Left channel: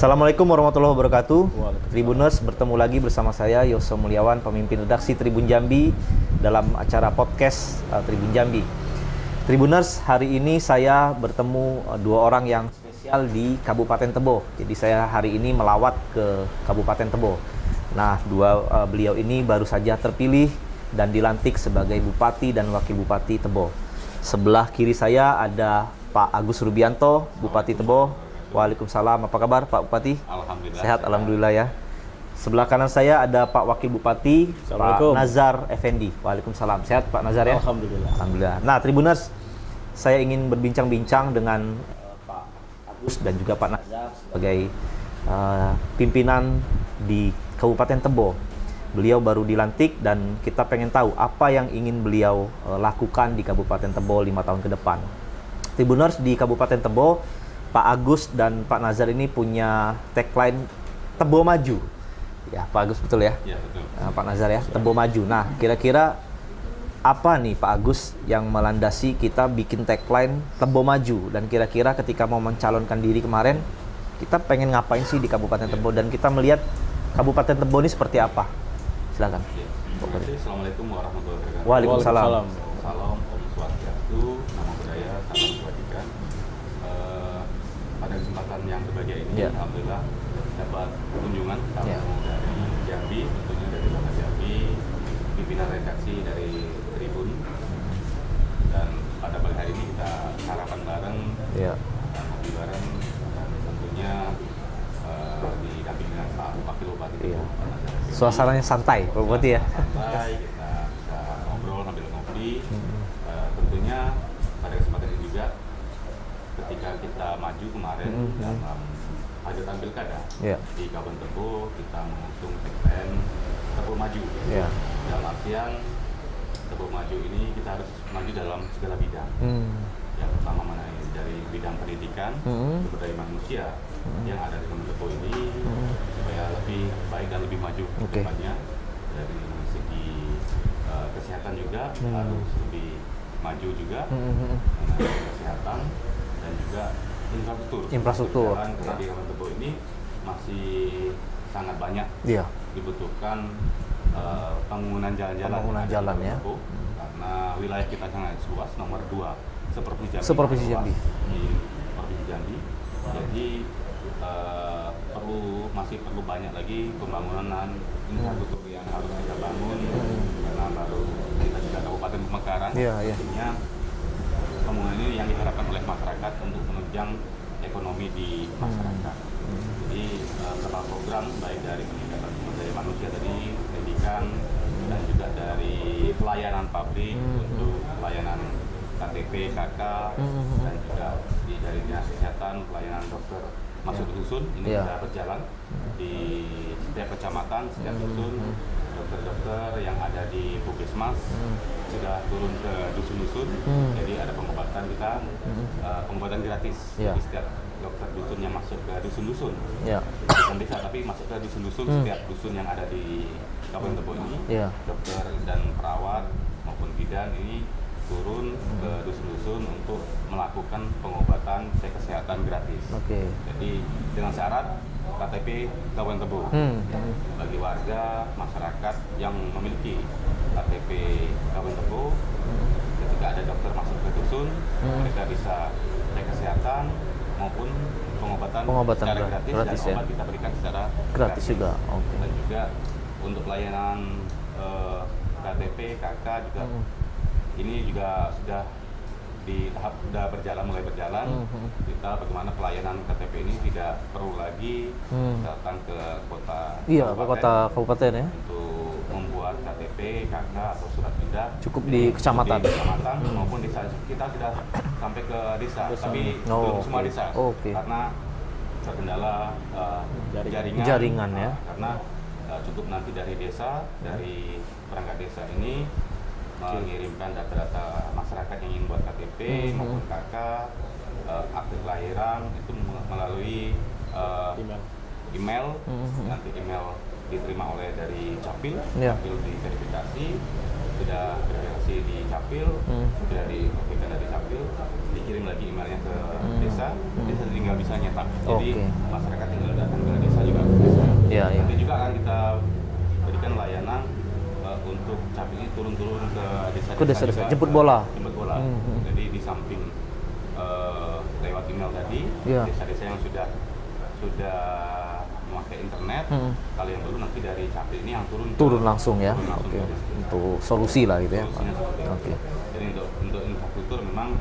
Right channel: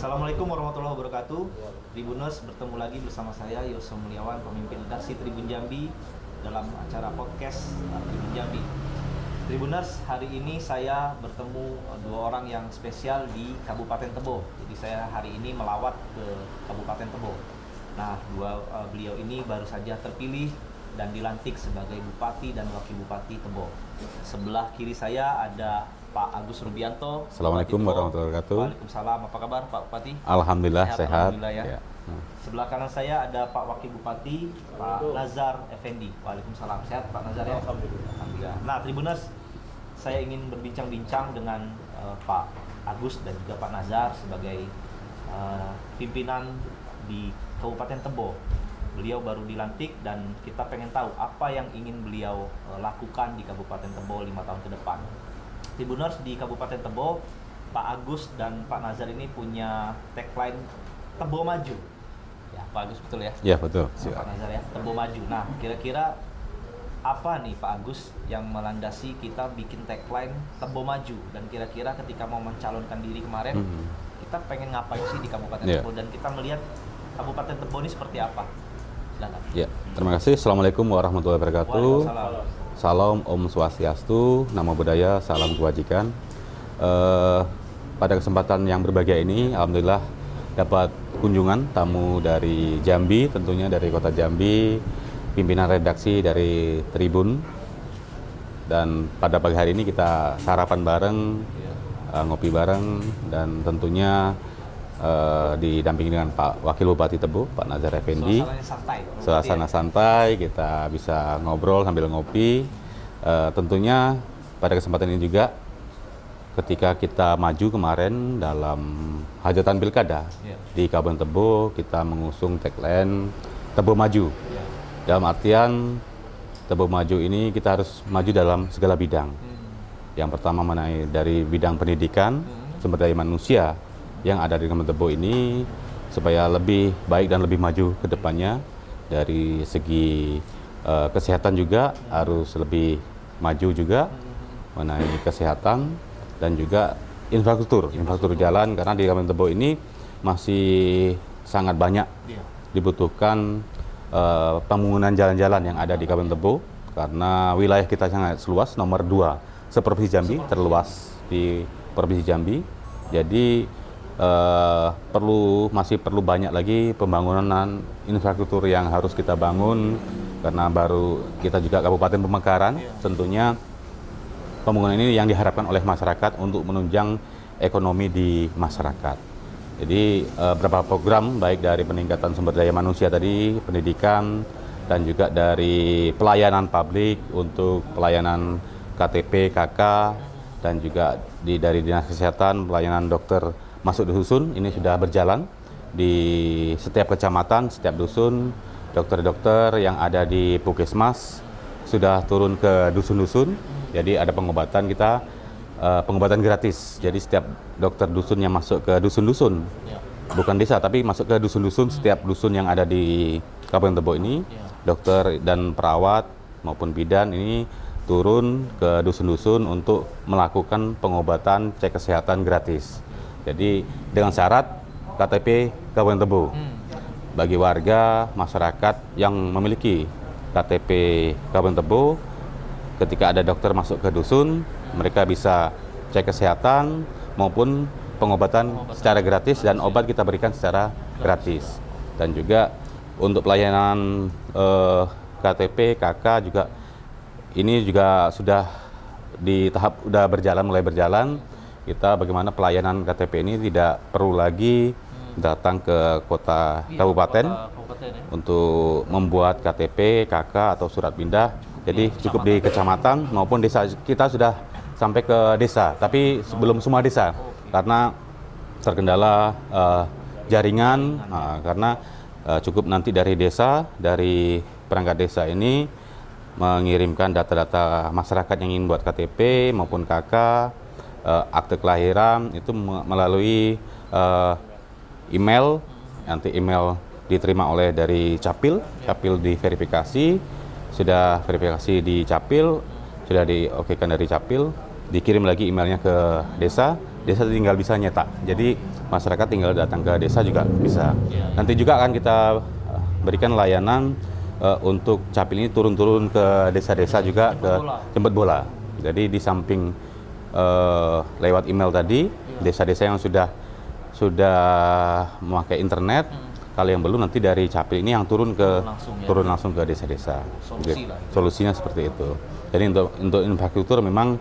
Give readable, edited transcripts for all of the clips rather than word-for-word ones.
Assalamualaikum warahmatullahi wabarakatuh. Tribuners, bertemu lagi bersama saya Yoso Mulyawan, pemimpin redaksi Tribun Jambi dalam acara podcast Tribun Jambi. Tribuners, hari ini saya bertemu dua orang yang spesial di Kabupaten Tebo. Jadi saya hari ini melawat ke Kabupaten Tebo. Nah, beliau ini baru saja terpilih dan dilantik sebagai Bupati dan Wakil Bupati Tebo. Sebelah kiri saya ada Pak Agus Rubianto, Bupati Tebo. Waalaikumsalam. Apa kabar Pak Bupati? Alhamdulillah sehat. Alhamdulillah ya. Sebelah kanan saya ada Pak Wakil Bupati, Pak Nazar Effendi. Waalaikumsalam. Sehat Pak Nazar ya? Alhamdulillah. Alhamdulillah. Nah, Tribuners, saya ingin berbincang-bincang dengan Pak Agus dan juga Pak Nazar sebagai pimpinan di Kabupaten Tebo. Beliau baru dilantik dan kita pengen tahu apa yang ingin beliau lakukan di Kabupaten Tebo 5 tahun ke depan. Tribuners, di Kabupaten Tebo, Pak Agus dan Pak Nazar ini punya tagline Tebo Maju. Ya, Pak Agus betul ya? Ya, betul. Pak Nazar ya, Tebo Maju. Nah, kira-kira apa nih Pak Agus yang melandasi kita bikin tagline Tebo Maju? Dan kira-kira ketika mau mencalonkan diri kemarin, kita pengen ngapain sih di Kabupaten Tebo? Dan kita melihat Kabupaten Tebo ini seperti apa? Silakan. Ya, terima kasih. Assalamualaikum warahmatullahi wabarakatuh. Waalaikumsalam. Salam Om Swastiastu, Namo Buddhaya, salam kebajikan. Pada kesempatan yang berbahagia ini, alhamdulillah dapat kunjungan tamu dari Jambi, tentunya dari Kota Jambi, pimpinan redaksi dari Tribun. Dan pada pagi hari ini kita sarapan bareng, ngopi bareng, dan tentunya didampingi dengan Pak Wakil Bupati Tebo, Pak Nazar Effendi. Suasananya santai, Pak Bupati ya? Suasana santai, kita bisa ngobrol sambil ngopi. Tentunya pada kesempatan ini juga, ketika kita maju kemarin dalam hajatan pilkada di Kabupaten Tebo, kita mengusung tagline Tebo Maju. Dalam artian Tebo Maju ini kita harus maju dalam segala bidang. Yang pertama mengenai dari bidang pendidikan, sumber daya manusia yang ada di Kabupaten Tebo ini supaya lebih baik dan lebih maju ke depannya. Dari segi kesehatan juga harus lebih maju juga mengenai kesehatan, dan juga infrastruktur jalan, karena di Kabupaten Tebo ini masih sangat banyak dibutuhkan pembangunan jalan-jalan yang ada di Kabupaten Tebo, karena wilayah kita sangat luas, nomor 2 seprovinsi Jambi, terluas di Provinsi Jambi. Jadi masih perlu banyak lagi pembangunan infrastruktur yang harus kita bangun, karena baru kita juga Kabupaten Pemekaran. Tentunya pembangunan ini yang diharapkan oleh masyarakat untuk menunjang ekonomi di masyarakat. Jadi beberapa program baik dari peningkatan sumber daya manusia tadi, pendidikan, dan juga dari pelayanan publik untuk pelayanan KTP, KK, dan juga dari Dinas Kesehatan, pelayanan dokter masuk dusun ini sudah berjalan di setiap kecamatan, setiap dusun. Dokter-dokter yang ada di Puskesmas sudah turun ke dusun-dusun. Jadi ada pengobatan kita, pengobatan gratis. Jadi setiap dokter dusun yang masuk ke dusun-dusun, bukan desa tapi masuk ke dusun-dusun, setiap dusun yang ada di Kabupaten Tebo ini, dokter dan perawat maupun bidan ini turun ke dusun-dusun untuk melakukan pengobatan, cek kesehatan gratis. Jadi dengan syarat KTP Kabupaten Tebo. Bagi warga masyarakat yang memiliki KTP Kabupaten Tebo, ketika ada dokter masuk ke dusun, mereka bisa cek kesehatan maupun pengobatan secara gratis, dan obat kita berikan secara gratis. Dan juga untuk pelayanan KTP, KK juga ini juga sudah di tahap mulai berjalan. Kita bagaimana pelayanan KTP ini tidak perlu lagi datang ke kota kabupaten untuk membuat KTP, KK atau surat pindah. Cukup di kecamatan maupun desa. Kita sudah sampai ke desa, tapi belum semua desa karena terkendala jaringan. Karena cukup nanti dari desa, dari perangkat desa ini mengirimkan data-data masyarakat yang ingin buat KTP maupun KK, akte kelahiran itu melalui email. Nanti email diterima oleh dari Capil, Capil diverifikasi, sudah verifikasi di Capil, sudah diokekan dari Capil, dikirim lagi emailnya ke desa, desa tinggal bisa nyetak. Jadi masyarakat tinggal datang ke desa juga bisa. Nanti juga akan kita berikan layanan untuk capil ini turun-turun ke desa-desa juga, jemput bola. Jadi di samping lewat email tadi, desa-desa yang sudah memakai internet, kalau yang belum nanti dari capil ini yang turun langsung ke desa-desa. Solusi lah itu. Solusinya seperti itu. Jadi untuk infrastruktur memang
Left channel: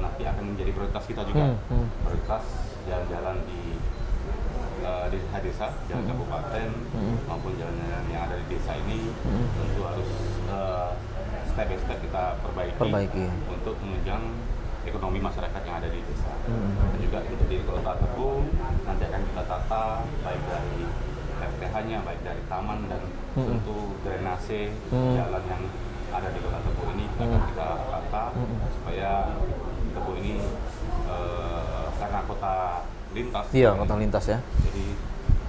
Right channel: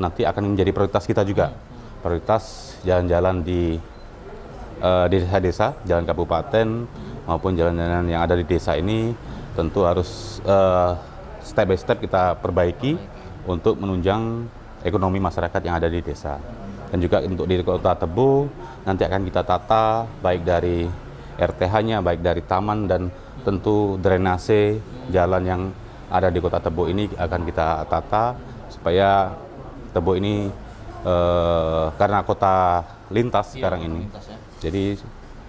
nanti akan menjadi prioritas kita juga. Prioritas jalan-jalan di desa-desa, jalan kabupaten maupun jalan-jalan yang ada di desa ini tentu harus step by step kita perbaiki. Untuk menunjang ekonomi masyarakat yang ada di desa. Dan juga untuk di Kota Tebo nanti akan kita tata baik dari RTH-nya, baik dari taman dan tentu drainase jalan yang ada di Kota Tebo ini akan kita tata supaya Tebo ini karena kota lintas sekarang ini. Jadi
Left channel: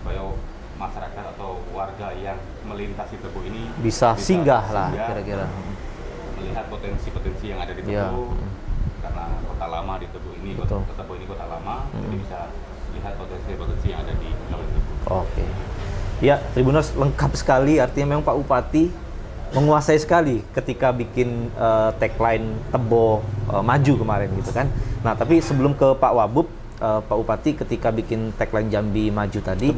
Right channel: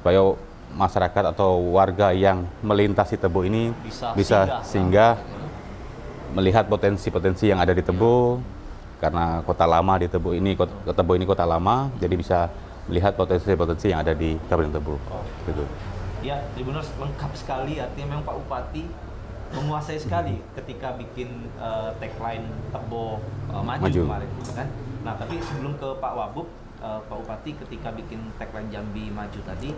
supaya masyarakat atau warga yang melintasi Tebo ini bisa singgah melihat potensi-potensi yang ada di Tebo. Karena kota lama di Tebo ini, Tebo ini kota lama, jadi bisa lihat potensi-potensi yang ada di Kabupaten Tebo. Ya, Tribuners, lengkap sekali. Artinya memang Pak Bupati menguasai sekali ketika bikin tagline Tebo maju kemarin gitu kan. Nah, tapi sebelum ke Pak Wabub, Pak Bupati ketika bikin tagline Jambi Maju tadi,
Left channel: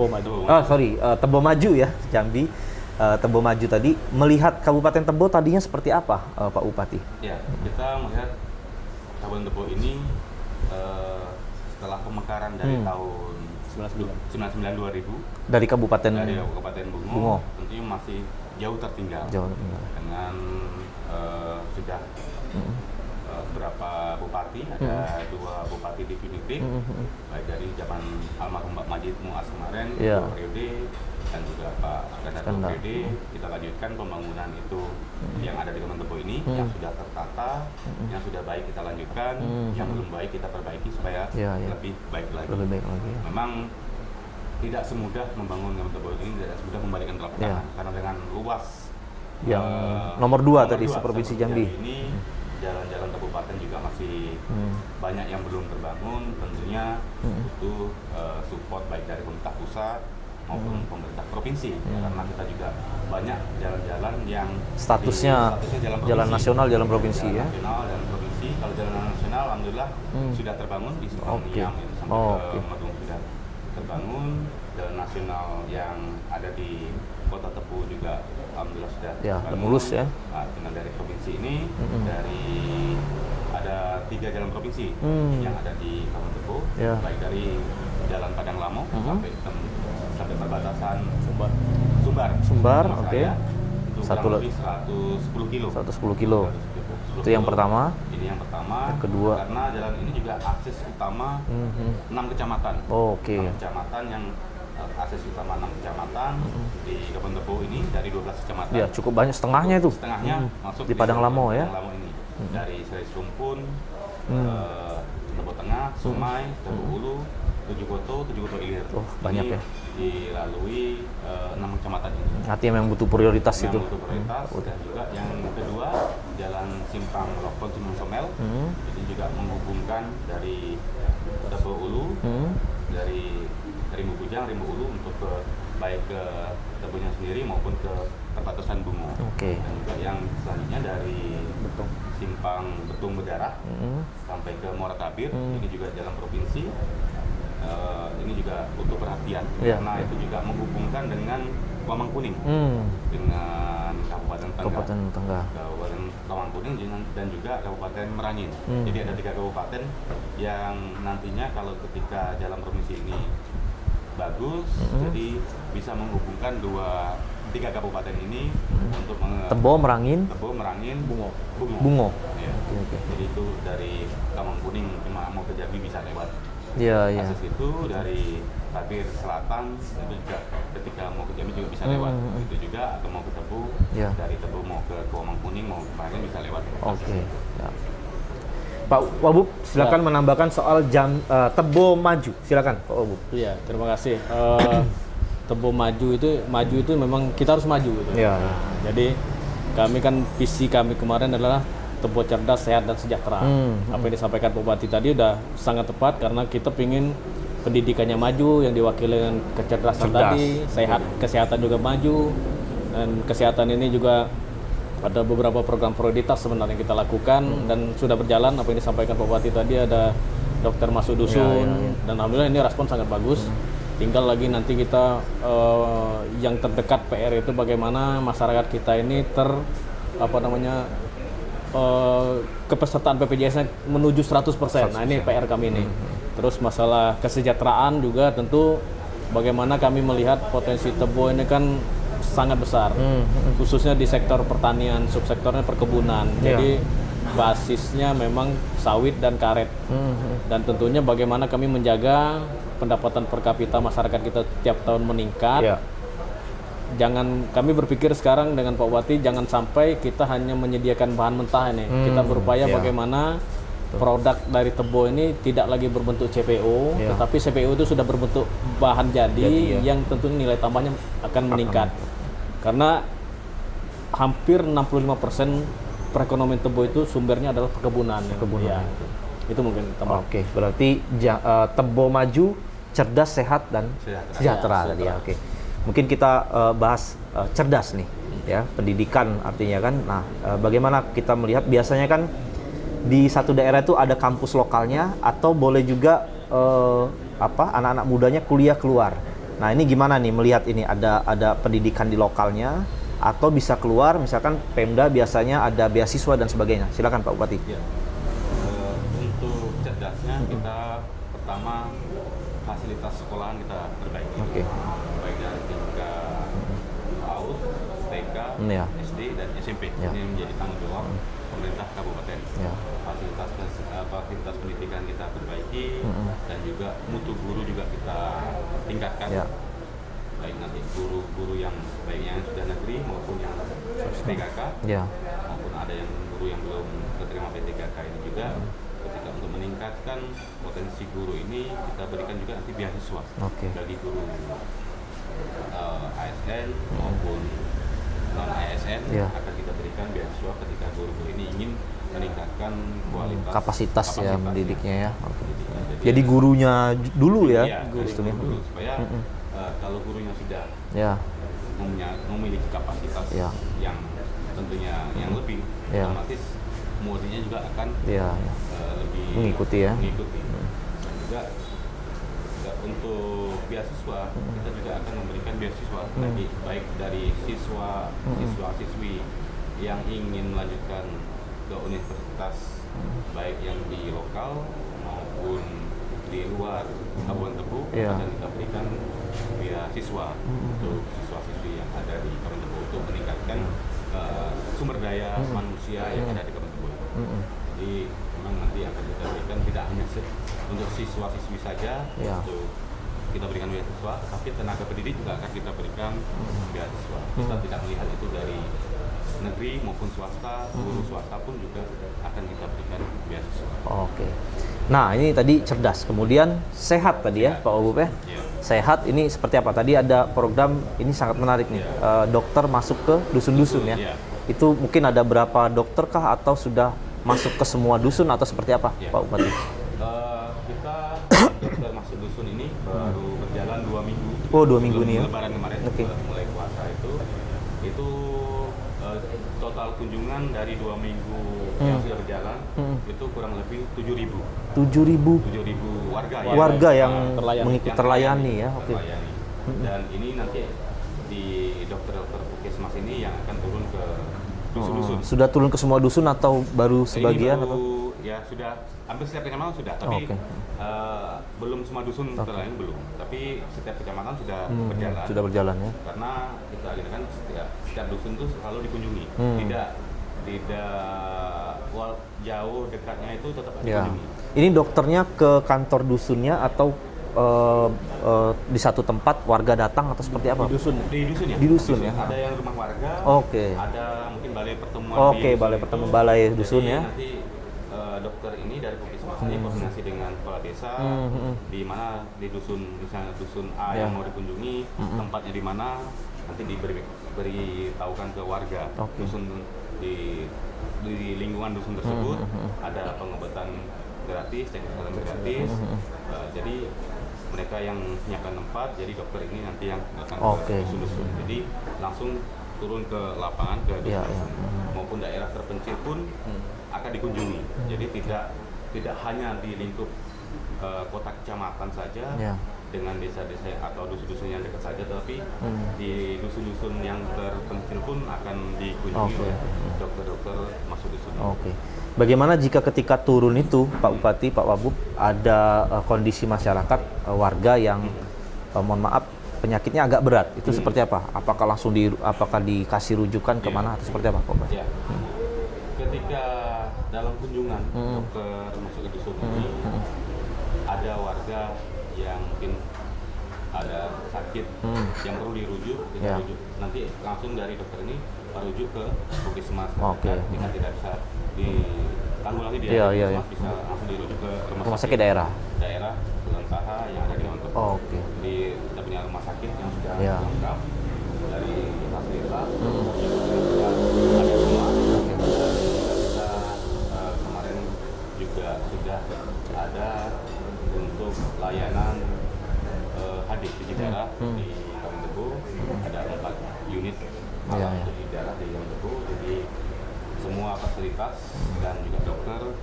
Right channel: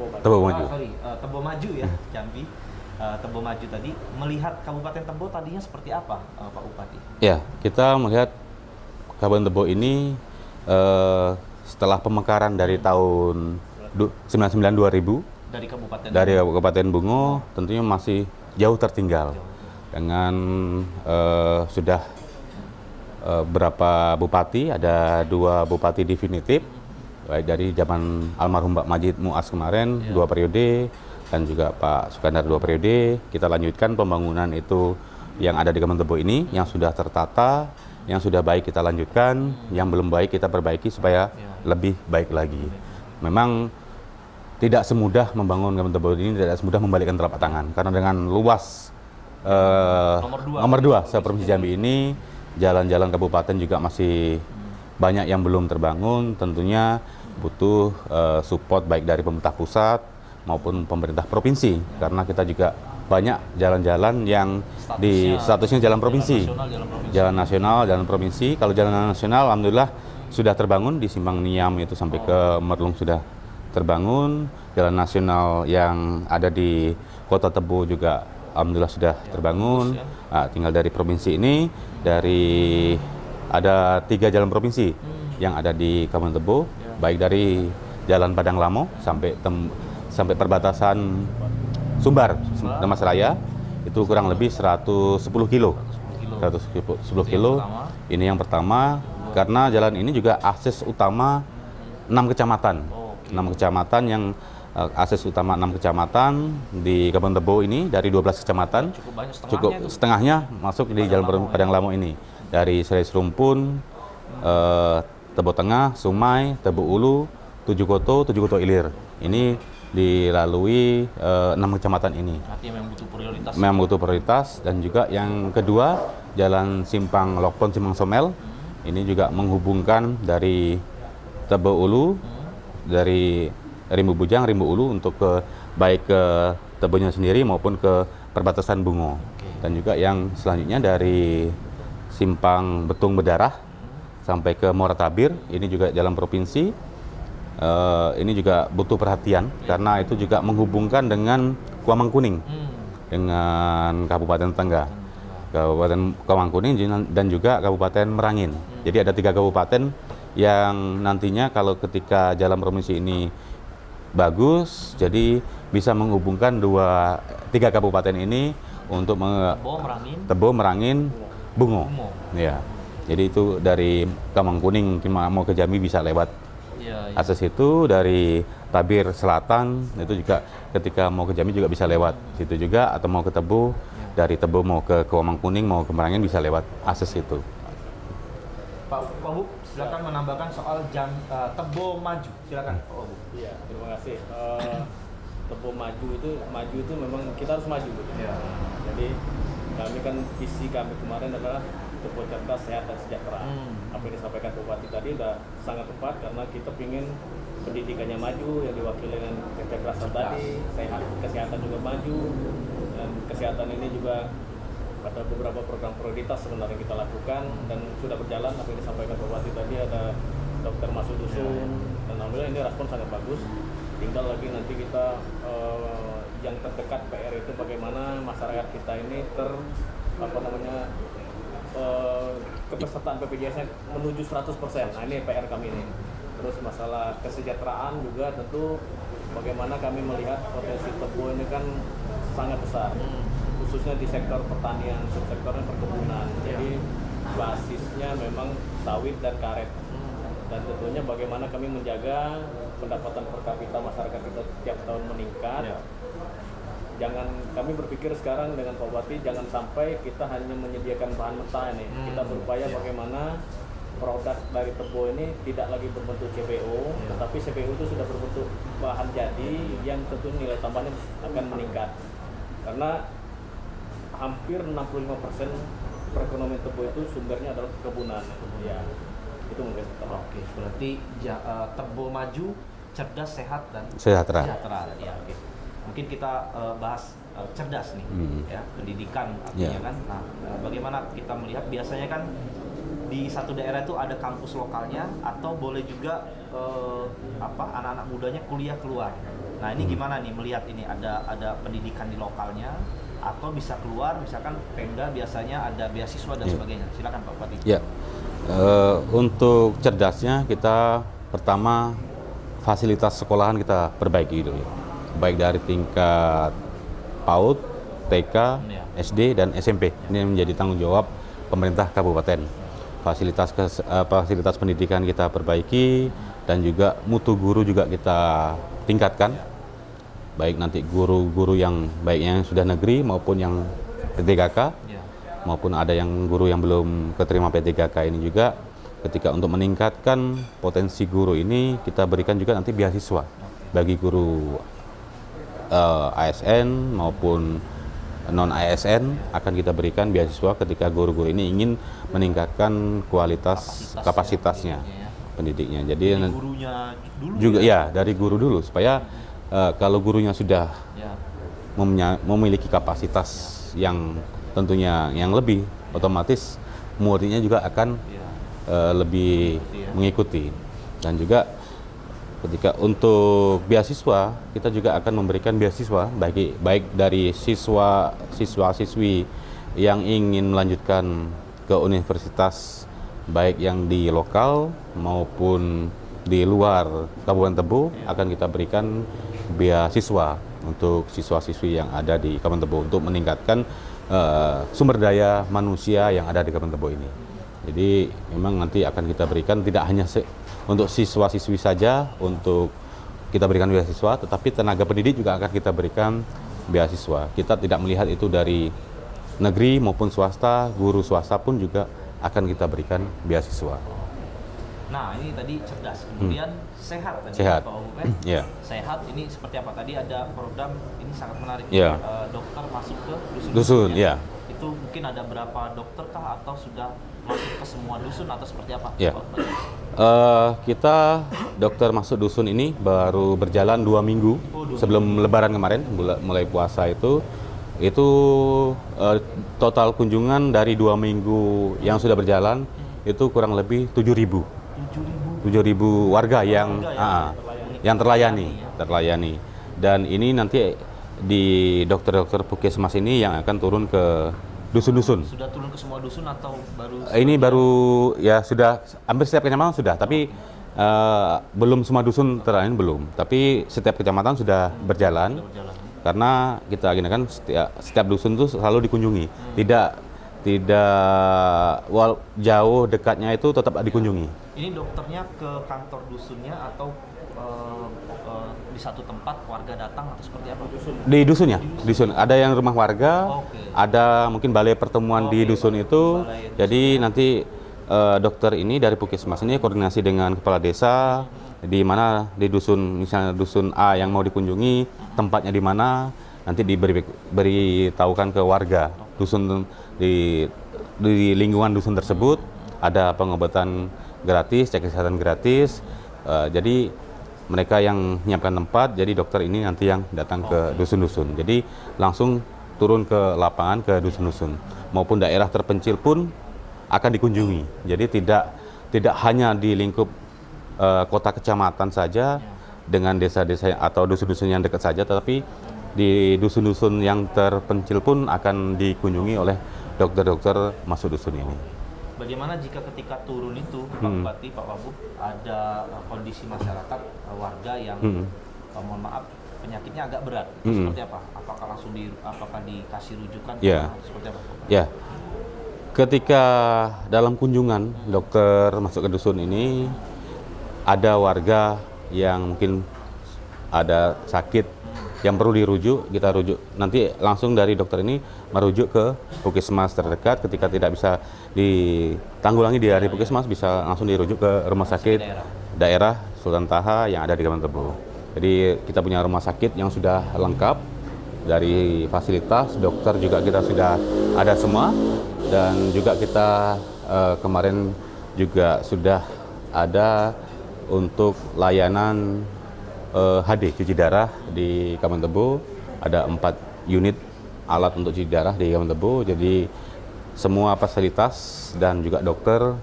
Tebo Maju ya, Jambi. Tebo Maju tadi, melihat Kabupaten Tebo tadinya seperti apa, Pak Bupati? Ya, kita melihat Kabupaten Tebo ini setelah pemekaran dari tahun 99-2000 dari Kabupaten Bungo tentunya masih jauh tertinggal. Dengan sudah berapa bupati, ada 2 bupati definitif, baik dari zaman almarhum Pak Majid Muas kemarin 2 periode, dan juga Pak Sukandar 2 periode. Kita lanjutkan pembangunan itu yang ada di Kabupaten Tebo ini, yang sudah tertata, yang sudah baik kita lanjutkan, yang belum baik kita perbaiki supaya lebih baik lagi. Memang tidak semudah membangun Kabupaten Tebo ini, tidak semudah membalikkan telapak tangan, karena dengan luas nomor 2 Provinsi Jambi ini, jalan-jalan kabupaten juga masih banyak yang belum terbangun. Tentunya butuh support baik dari pemerintah pusat maupun pemerintah provinsi, karena kita juga banyak jalan-jalan yang statusnya jalan provinsi. Jalan nasional, jalan provinsi. Kalau jalan nasional, alhamdulillah sudah terbangun di Simpang Niam itu sampai ke Merlung sudah terbangun. Jalan nasional yang ada di Kota Tebo juga alhamdulillah sudah terbangun. Tinggal dari provinsi ini, dari ada 3 jalan provinsi yang ada di Kabupaten Tebo, baik dari Jalan Padang Lamo sampai perbatasan Sumbar Mas Raya, itu kurang lebih 110 kilo. 110 kilo. Yang pertama. Ini yang pertama. Kedua. Karena jalan ini juga akses utama 6 kecamatan. 6 kecamatan yang akses utama 6 kecamatan di Kabupaten Tebo ini dari 12 kecamatan. Cukup banyak, setengahnya itu. Setengahnya masuk di Padang Lamo ini. Dari Serai Serumpun, Tebo Tengah, Sumai, Tebo Ulu, Tujuh Koto Ilir. Ini dilalui 6 kecamatan ini. Artinya memang butuh prioritas. Butuh prioritas. Dan juga yang kedua, Jalan Simpang Lokpon Simpang Somel. Ini juga menghubungkan dari Tebo Ulu, dari Rimbu Bujang, Rimbu Ulu untuk baik ke Tebonya sendiri maupun ke perbatasan Bungo. Dan juga yang selanjutnya dari Simpang Betung Bedarah sampai ke Muara Tabir. Ini juga jalan provinsi. Ini juga butuh perhatian karena itu juga menghubungkan dengan Kuamang Kuning, dengan Kabupaten Tengah, Kabupaten Kuamang Kuning dan juga Kabupaten Merangin. Jadi ada 3 kabupaten yang nantinya kalau ketika jalan provinsi ini bagus, jadi bisa menghubungkan 3 kabupaten ini untuk Tebo, Merangin, Bungo. Ya. Jadi itu dari Kuamang Kuning mau ke Jambi bisa lewat akses itu. Dari Tabir Selatan itu juga ketika mau ke Jambi juga bisa lewat situ juga, atau mau ke Tebo, dari Tebo mau ke Kuamang Kuning, mau ke Merangin bisa lewat akses itu. Pak Wabub, silakan menambahkan soal Tebo Maju. Silakan Pak Wabub. Iya, terima kasih. Tebo maju itu memang kita harus maju gitu. Jadi kami kan visi kami kemarin adalah Tebo cerdas, sehat dan sejahtera. Apa yang disampaikan Pak Bupati tadi udah sangat tepat karena kita pingin pendidikannya maju yang diwakili dengan kecerdasan tadi, kesehatan juga maju, dan kesehatan ini juga ada beberapa program prioritas sebenarnya kita lakukan dan sudah berjalan. Apa yang disampaikan Pak Bupati tadi, ada dokter masuk dusun dan alhamdulillah ini respon sangat bagus. Tinggal lagi nanti kita yang terdekat PR itu bagaimana masyarakat kita ini kepesertaan BPJS-nya menuju 100%. Nah, ini PR kami ini. Terus masalah kesejahteraan juga tentu bagaimana kami melihat potensi Tebo ini kan sangat besar. Khususnya di sektor pertanian, subsektornya perkebunan. Jadi basisnya memang sawit dan karet. Dan tentunya bagaimana kami menjaga pendapatan per kapita masyarakat kita tiap tahun meningkat. Kami berpikir sekarang dengan Pak Bupati jangan sampai kita hanya menyediakan bahan mentah ini. Kita berupaya bagaimana produk dari Tebo ini tidak lagi berbentuk CPO, tetapi CPO itu sudah berbentuk bahan jadi yang tentunya nilai tambahnya akan meningkat. Karena hampir 65% perekonomian Tebo itu sumbernya adalah perkebunan. Ya. Itu mungkin tambah. Oke, berarti Tebo maju, cerdas, sehat dan sejahtera. Oke. Mungkin kita bahas cerdas nih, ya, pendidikan artinya kan. Nah, bagaimana kita melihat biasanya kan di satu daerah itu ada kampus lokalnya atau boleh juga anak-anak mudanya kuliah keluar. Nah, ini gimana nih melihat ini ada pendidikan di lokalnya atau bisa keluar, misalkan Pemda biasanya ada beasiswa dan sebagainya. Silakan Pak Bupati. Ya, untuk cerdasnya kita pertama fasilitas sekolahan kita perbaiki. Baik dari tingkat PAUD, TK, SD, dan SMP. Ini yang menjadi tanggung jawab pemerintah kabupaten. Fasilitas pendidikan kita perbaiki dan juga mutu guru juga kita tingkatkan. Baik nanti guru-guru yang baiknya yang sudah negeri maupun yang P3K, maupun ada yang guru yang belum keterima P3K ini juga. Ketika untuk meningkatkan potensi guru ini, kita berikan juga nanti beasiswa bagi guru ASN maupun non ASN akan kita berikan beasiswa ketika guru-guru ini ingin meningkatkan kualitas kapasitasnya pendidiknya. Jadi gurunya dulu juga, dari guru dulu supaya kalau gurunya sudah memiliki kapasitas yang tentunya yang lebih, otomatis muridnya juga akan lebih mengikuti. Dan juga ketika untuk beasiswa, kita juga akan memberikan beasiswa baik dari siswa-siswi yang ingin melanjutkan ke universitas, baik yang di lokal maupun di luar Kabupaten Tebo, akan kita berikan beasiswa untuk siswa-siswi yang ada di Kabupaten Tebo untuk meningkatkan sumber daya manusia yang ada di Kabupaten Tebo ini. Jadi memang nanti akan kita berikan tidak hanya untuk siswa-siswi saja untuk kita berikan beasiswa, tetapi tenaga pendidik juga akan kita berikan beasiswa. Kita tidak melihat itu dari negeri maupun swasta, guru swasta pun juga akan kita berikan beasiswa. Oke. Nah, ini tadi cerdas, kemudian sehat tadi ya Pak Obup ya. Sehat ini seperti apa? Tadi ada program ini sangat menarik, dokter masuk ke dusun-dusun ya. Itu mungkin ada berapa dokter kah atau sudah masuk ke semua dusun atau seperti apa Pak Bupati? Kita dokter masuk dusun ini baru berjalan 2 minggu sebelum Lebaran kemarin, mulai puasa itu total kunjungan dari 2 minggu yang sudah berjalan itu kurang lebih 7.000 warga yang terlayani. Dan ini nanti di dokter-dokter Puskesmas ini yang akan turun ke dusun-dusun. Sudah turun ke semua dusun atau baru sebagian? Ini baru sudah hampir setiap kecamatan sudah, tapi belum semua dusun terlayani belum. Tapi setiap kecamatan sudah berjalan. Sudah berjalan ya. Karena kita kan setiap dusun itu selalu dikunjungi. Tidak jauh dekatnya itu tetap dikunjungi. Ini dokternya ke kantor dusunnya atau di satu tempat warga datang atau seperti apa? Di dusun. Ada yang rumah warga, ada mungkin balai pertemuan di dusun itu. Jadi nanti dokter ini dari Puskesmas ini koordinasi dengan kepala desa, di mana di dusun, misalnya dusun A yang mau dikunjungi, tempatnya di mana, nanti diberitahukan ke warga dusun di di lingkungan dusun tersebut ada pengobatan gratis, cek kesehatan gratis. Jadi mereka yang menyiapkan tempat, jadi dokter ini nanti yang datang ke dusun-dusun. Jadi langsung turun ke lapangan ke dusun-dusun, maupun daerah terpencil pun akan dikunjungi. Jadi tidak hanya di lingkup kota kecamatan saja dengan desa-desa atau dusun-dusun yang dekat saja, tetapi di dusun-dusun yang terpencil pun akan dikunjungi oleh dokter-dokter masuk dusun ini. Bagaimana jika ketika turun itu, Pak Bupati, Pak Wabub, ada kondisi masyarakat, warga yang, mohon maaf, penyakitnya agak berat, itu seperti apa? Apakah langsung apakah dikasih rujukan kemana? Atau seperti apa, Pak Bupati? Ya, ketika dalam kunjungan dokter masuk ke dusun ini, ada warga yang mungkin ada sakit yang perlu dirujuk, kita rujuk. Nanti langsung dari dokter ini merujuk ke puskesmas terdekat. Ketika tidak bisa ditanggulangi di puskesmas, bisa langsung dirujuk ke rumah sakit daerah Sultan Taha yang ada di Kabupaten Tebo. Jadi kita punya rumah sakit yang sudah lengkap dari fasilitas, dokter juga kita sudah ada semua, dan juga kita kemarin juga sudah ada untuk layanan HD cuci darah di Kabupaten Tebo. Ada 4 unit alat untuk cuci darah di Kabupaten Tebo. Jadi semua fasilitas dan juga dokter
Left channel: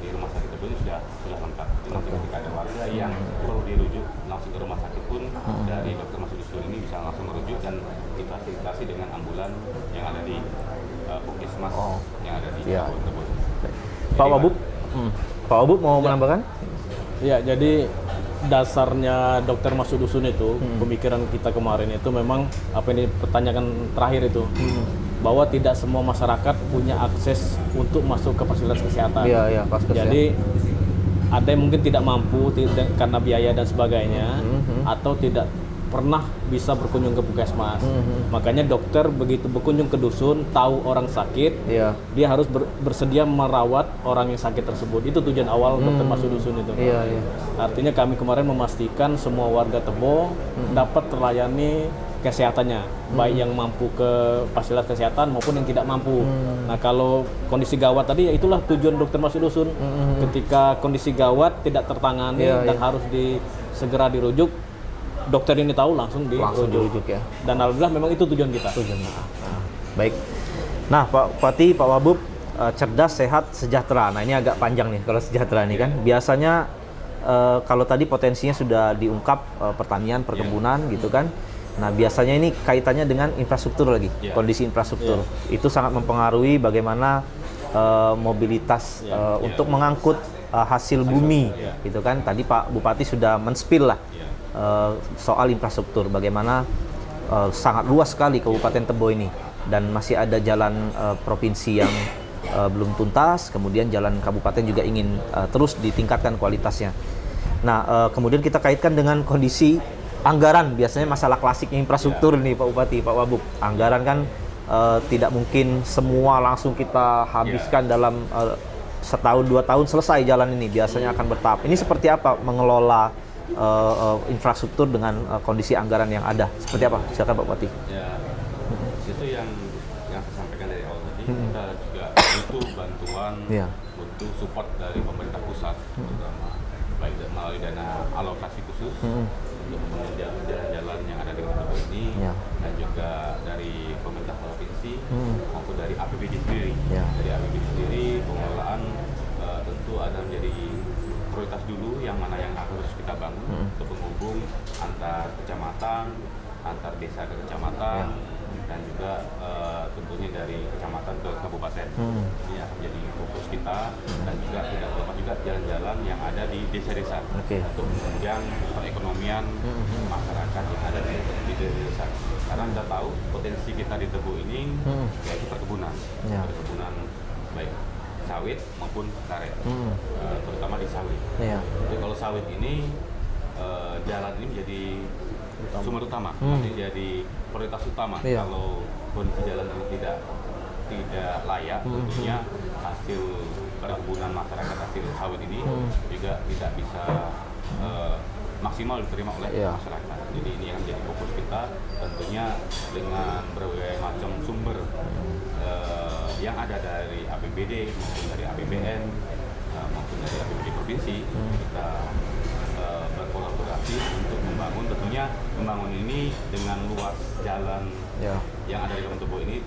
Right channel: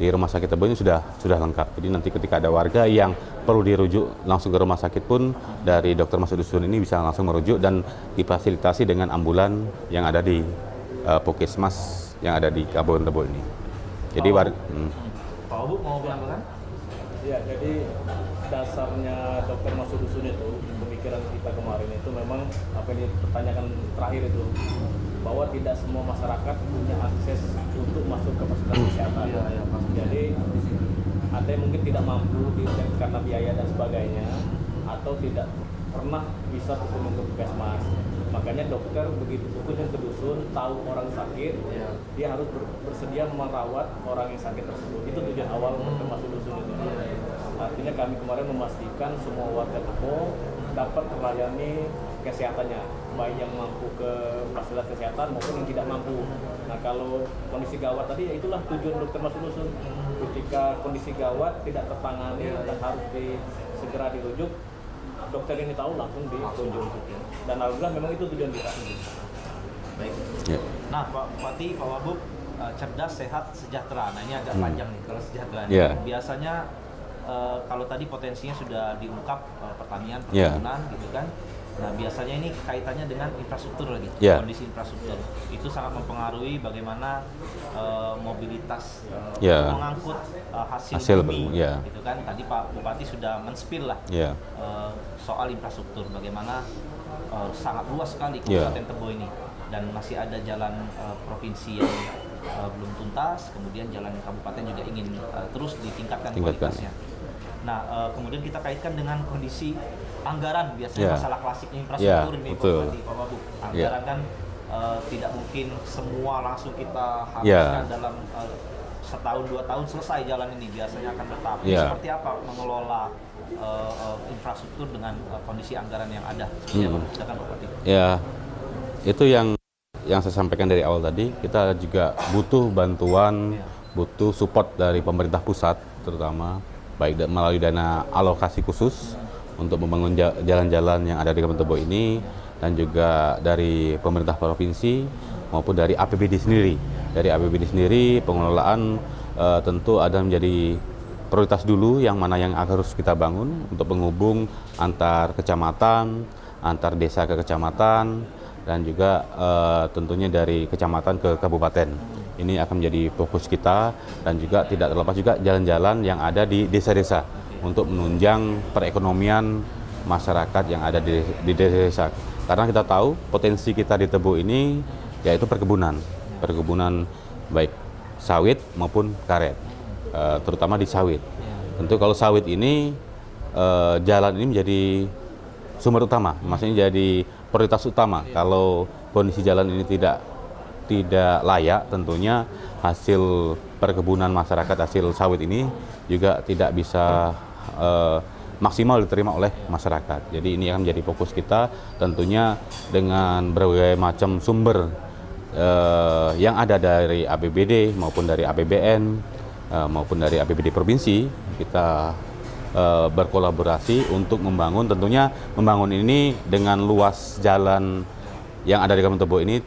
di rumah sakit Tebo ini sudah lengkap. Jadi nanti ketika ada warga yang perlu dirujuk langsung ke rumah sakit pun, dari dokter masuk dusun ini bisa langsung merujuk dan difasilitasi dengan ambulan yang ada di puskesmas yang ada di Kabupaten Tebo ini. Pak Wabub, Pak Wabub mau menambahkan? Ya, jadi dasarnya dokter masuk dusun itu, pemikiran kita kemarin itu memang apa ini pertanyaan terakhir itu, bahwa tidak semua masyarakat punya akses untuk masuk ke fasilitas kesehatan. Jadi ada yang mungkin tidak mampu karena biaya dan sebagainya, atau tidak pernah bisa berkunjung ke puskesmas. Makanya dokter begitu berkunjung ke dusun, tahu orang sakit, dia harus bersedia merawat orang yang sakit tersebut. Itu tujuan awal dokter masuk dusun itu. Artinya kami kemarin memastikan semua warga Tebo dapat terlayani kesehatannya, baik yang mampu ke fasilitas kesehatan maupun yang tidak mampu. Nah, kalau kondisi gawat tadi, ya itulah tujuan dokter masuk dusun. Ketika kondisi gawat tidak tertangani dan harus segera dirujuk, dokter ini tahu langsung dirujuk ya. Dan alhamdulillah memang itu tujuan kita. Baik. Nah, Pak Bupati, Pak Wabub, cerdas, sehat, sejahtera. Nah, ini agak panjang nih kalau sejahtera nih kan. Biasanya kalau tadi potensinya sudah diungkap, pertanian, perkebunan gitu kan. Nah, biasanya ini kaitannya dengan infrastruktur lagi, kondisi infrastruktur. Itu sangat mempengaruhi bagaimana mobilitas untuk mengangkut hasil bumi, gitu kan. Tadi Pak Bupati sudah men-spill lah soal infrastruktur, bagaimana sangat luas sekali Kabupaten Tebo ini, dan masih ada jalan provinsi yang belum tuntas, kemudian jalan kabupaten juga ingin terus ditingkatkan kualitasnya. Nah, kemudian kita kaitkan dengan kondisi anggaran, biasanya masalah klasik infrastruktur nih Pak Bupati, Pak Wabub. Anggaran kan tidak mungkin semua langsung kita habiskan dalam setahun 2 tahun selesai jalan ini, biasanya akan bertahap. Ini seperti apa mengelola infrastruktur dengan kondisi anggaran yang ada? Seperti apa? Silakan Pak Bupati. Ya, itu yang saya sampaikan dari awal tadi. Kita juga butuh bantuan, butuh support dari pemerintah pusat terutama, baik melalui dana alokasi khusus untuk membangun jalan-jalan yang ada di Kabupaten Tebo ini, dan juga dari pemerintah provinsi maupun dari APBD sendiri. Dari APBD sendiri, pengelolaan tentu ada menjadi prioritas dulu, yang mana yang harus kita bangun untuk penghubung antar kecamatan, antar desa ke kecamatan, dan juga tentunya dari kecamatan ke kabupaten. Ini akan menjadi fokus kita, dan juga tidak terlepas juga jalan-jalan yang ada di desa-desa untuk menunjang perekonomian masyarakat yang ada di desa. Karena kita tahu potensi kita di Tebo ini yaitu perkebunan, perkebunan baik sawit maupun karet, terutama di sawit. Tentu kalau sawit ini jalan ini menjadi sumber utama, maksudnya jadi prioritas utama. Kalau kondisi jalan ini tidak layak, tentunya hasil perkebunan masyarakat, hasil sawit ini juga tidak bisa maksimal diterima oleh masyarakat. Jadi ini akan menjadi fokus kita, tentunya dengan berbagai macam sumber yang ada dari APBD maupun dari APBN maupun dari APBD provinsi, kita berkolaborasi untuk membangun. Tentunya membangun ini dengan luas jalan yang ada di Kabupaten Tebo ini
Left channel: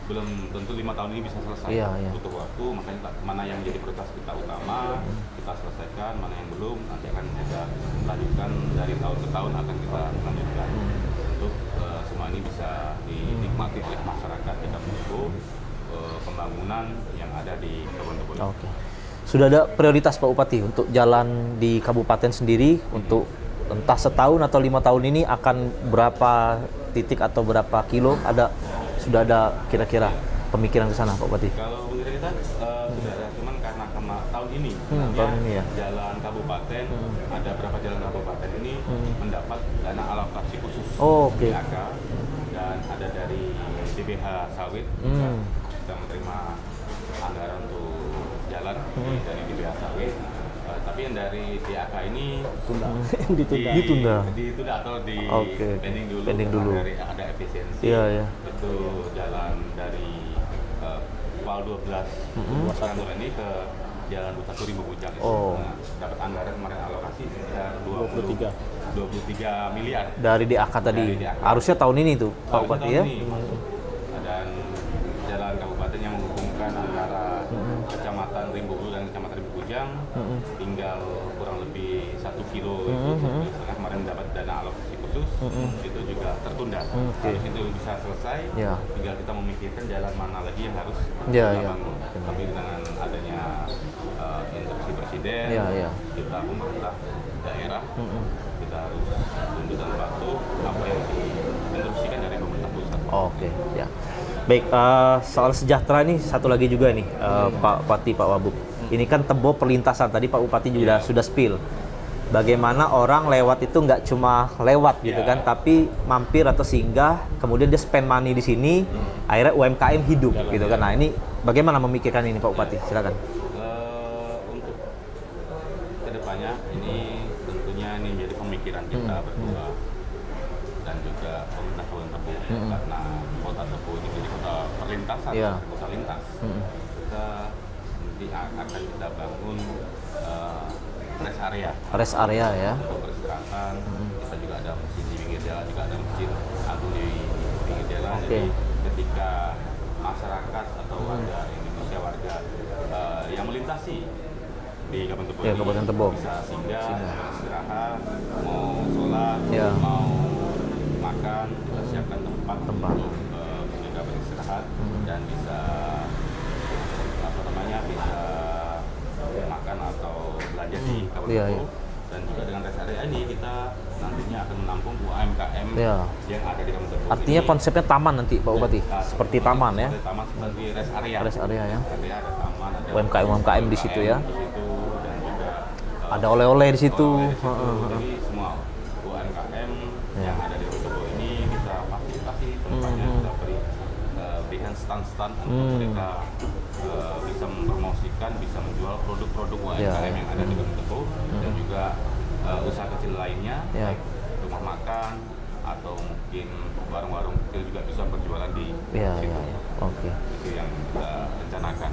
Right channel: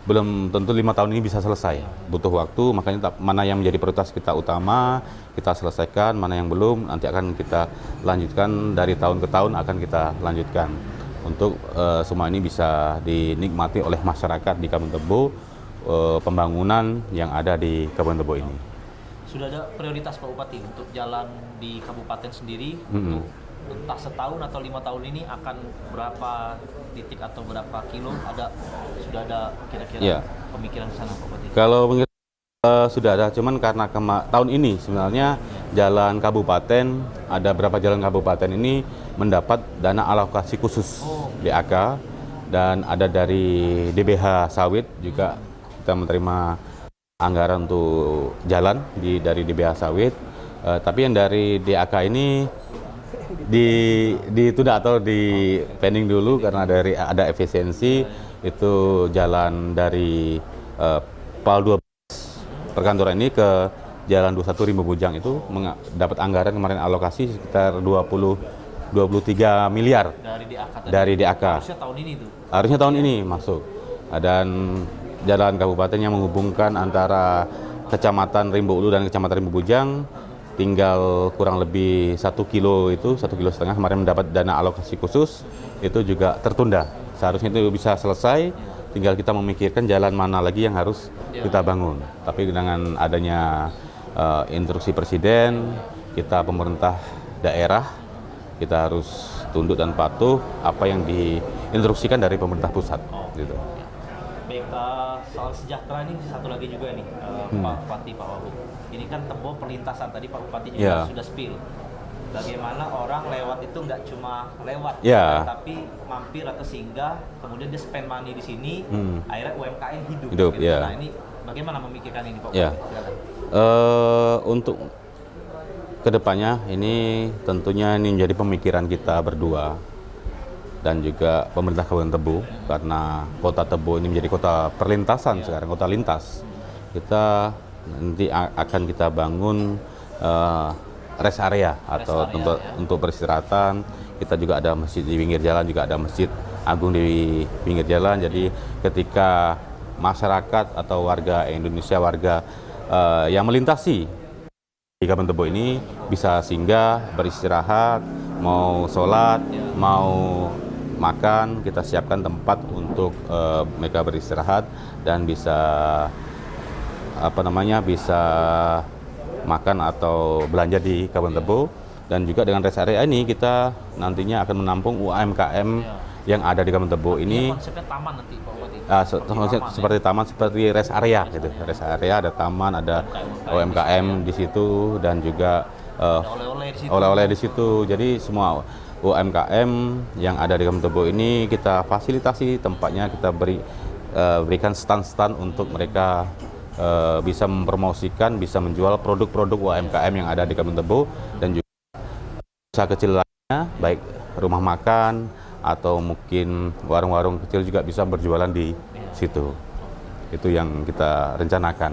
belum tentu 5 tahun ini bisa selesai. Butuh waktu, makanya mana yang menjadi prioritas kita utama kita selesaikan, mana yang belum nanti akan kita lanjutkan, dari tahun ke tahun akan kita lanjutkan untuk semua ini bisa dinikmati oleh masyarakat di Kabupaten Tebo, pembangunan yang ada di Kabupaten Tebo ini. Sudah ada prioritas Pak Bupati untuk jalan di kabupaten sendiri untuk entah setahun atau 5 tahun ini akan berapa titik atau berapa kilo, sudah ada kira-kira pemikiran ke sana Pak Bupati? Kalau sudah ada, cuman karena tahun ini sebenarnya jalan kabupaten, ada berapa jalan kabupaten ini mendapat dana alokasi khusus DAK, dan ada dari DBH Sawit juga kita menerima anggaran untuk jalan dari DBH Sawit. Tapi yang dari DAK ini ditunda atau di pending dulu karena ada efisiensi. Itu jalan dari PAL 12 perkantoran ini ke Jalan 21 Rimbo Bujang itu mendapat anggaran kemarin alokasi sekitar 23 miliar dari DAK tadi. Dari DAK. Harusnya tahun ini tuh. Harusnya tahun ini masuk. Dan jalan kabupaten yang menghubungkan antara Kecamatan Rimbo Ulu dan Kecamatan Rimbo Bujang tinggal kurang lebih 1 kilo itu 1,5 kilo kemarin mendapat dana alokasi khusus, itu juga tertunda. Seharusnya itu bisa selesai, tinggal kita memikirkan jalan mana lagi yang harus kita bangun. Tapi dengan adanya instruksi presiden, kita pemerintah daerah kita harus tunduk dan patuh apa yang diinstruksikan dari pemerintah pusat. Ya. Baik, soal sejahtera ini satu lagi juga nih, Pak Bupati, Pak Wabub. Ini kan Tebo perlintasan, tadi Pak Bupati juga sudah spill. Bagaimana orang lewat itu nggak cuma lewat, gitu kan, tapi mampir atau singgah, kemudian dia spend money di sini, akhirnya UMKM hidup gitu kan. Nah ini bagaimana memikirkan ini Pak Bupati? Silakan. Untuk kedepannya ini tentunya ini menjadi pemikiran kita berdua dan juga pemerintah Kabupaten Tebo, karena kota Tebo ini menjadi kota perlintasan sekarang, kota lintas. Kita nanti akan kita bangun rest area untuk beristirahatan. Kita juga ada masjid di pinggir jalan, juga ada masjid agung di pinggir jalan. Jadi ketika masyarakat atau warga Indonesia, warga yang melintasi di Kabupaten Tebo ini bisa singgah, beristirahat, mau sholat, mau makan, kita siapkan tempat untuk mereka beristirahat dan bisa bisa makan atau belanja di Kabupaten Tebo. Dan juga dengan rest area ini kita nantinya akan menampung UMKM yang ada di Kabupaten Tebo. Artinya konsepnya taman nanti Pak Bupati? Seperti taman, seperti rest area. Rest area, ada taman, ada UMKM di situ, dan juga ada oleh-oleh di situ. Oleh-oleh di situ. Jadi semua UMKM yang ada di Kabupaten Tebo ini kita fasilitasi tempatnya, kita berikan stand-stand untuk mereka bisa mempromosikan, bisa menjual produk-produk UMKM yang ada di Kabupaten Tebo, dan juga usaha kecil lainnya, baik rumah makan atau mungkin warung-warung kecil juga bisa berjualan di situ. Itu yang kita rencanakan.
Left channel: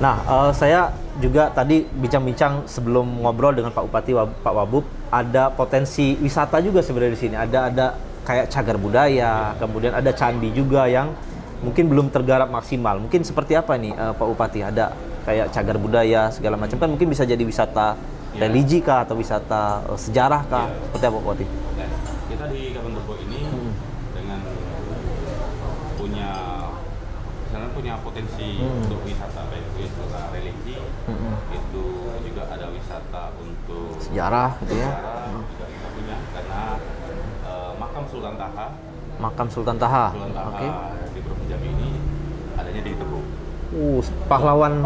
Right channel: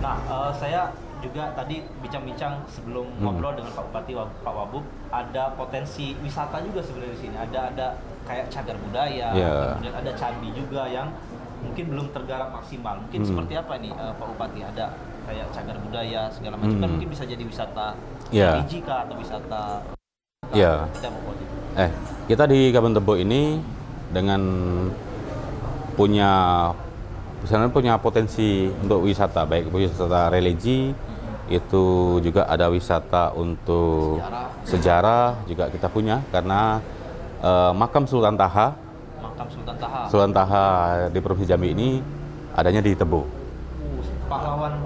Nah, saya juga tadi bincang-bincang sebelum ngobrol dengan Pak Bupati, Pak Wabub, ada potensi wisata juga sebenarnya di sini. Ada kayak cagar budaya, kemudian ada candi juga yang mungkin belum tergarap maksimal. Mungkin seperti apa nih Pak Bupati? Ada kayak cagar budaya segala macam, kan mungkin bisa jadi wisata religi kah atau wisata sejarah kah? Seperti apa Pak Bupati? Kita di Kabupaten Tebo ini dengan punya potensi untuk wisata, baik wisata religi, itu juga ada wisata untuk sejarah juga kita punya, karena makam Sultan Taha di Provinsi Jambi ini adanya di Tebo. Pahlawan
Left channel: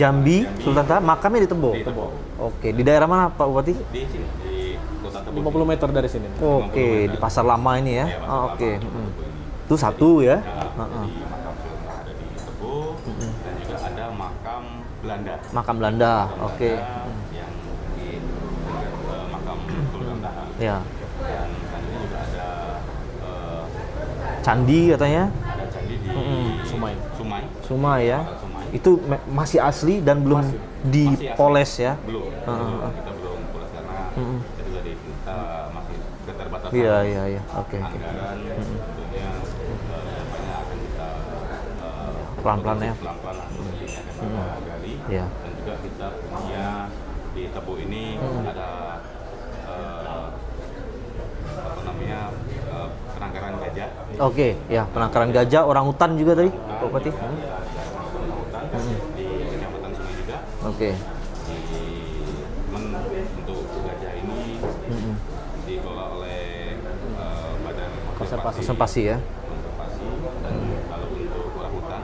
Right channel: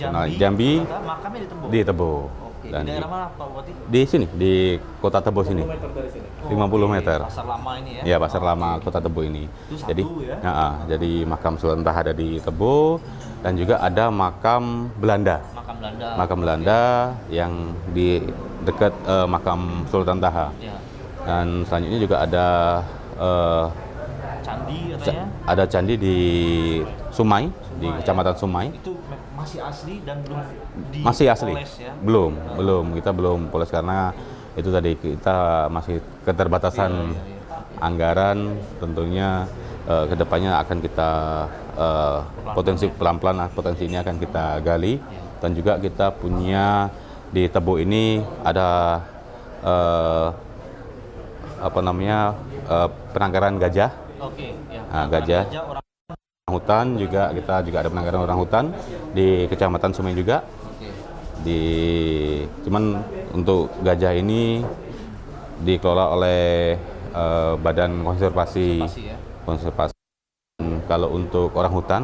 Jambi, Sultan Taha makamnya di Tebo. Di Tebo. Di daerah mana Pak Bupati? Di sini, di Kota Tebo 50 meter dari sini. 50 meter. Pasar lama ini ya? Iya, Pasar Lama Kota Tebo ini. Itu satu ya? Jadi makam Sultan Taha ada di Tebo, dan juga ada makam Belanda. Makam Belanda yang di dekat makam Sultan Taha. Dan selanjutnya juga ada candi katanya. Ada candi di Sumai, Sumai di ya. Kecamatan Sumai. Itu masih asli dan belum Masih asli. dipoles ya. Belum. Kita belum poles karena itu tadi kita masih keterbatasan Iya. Oke. anggaran. Tentunya kedepannya akan kita Pelan-pelan potensi ini akan kita gali. Iya. Dan juga kita punya di Tebo ini ada penangkaran gajah. Oke, ya. Penangkaran gajah. gajah, orang hutan juga tadi. Hutan juga kita juga ada penangkaran orang hutan di Kecamatan Sumai juga. Oke. Cuman untuk gajah ini dikelola oleh Badan Konservasi ya. Konservasi. Kalau untuk orang hutan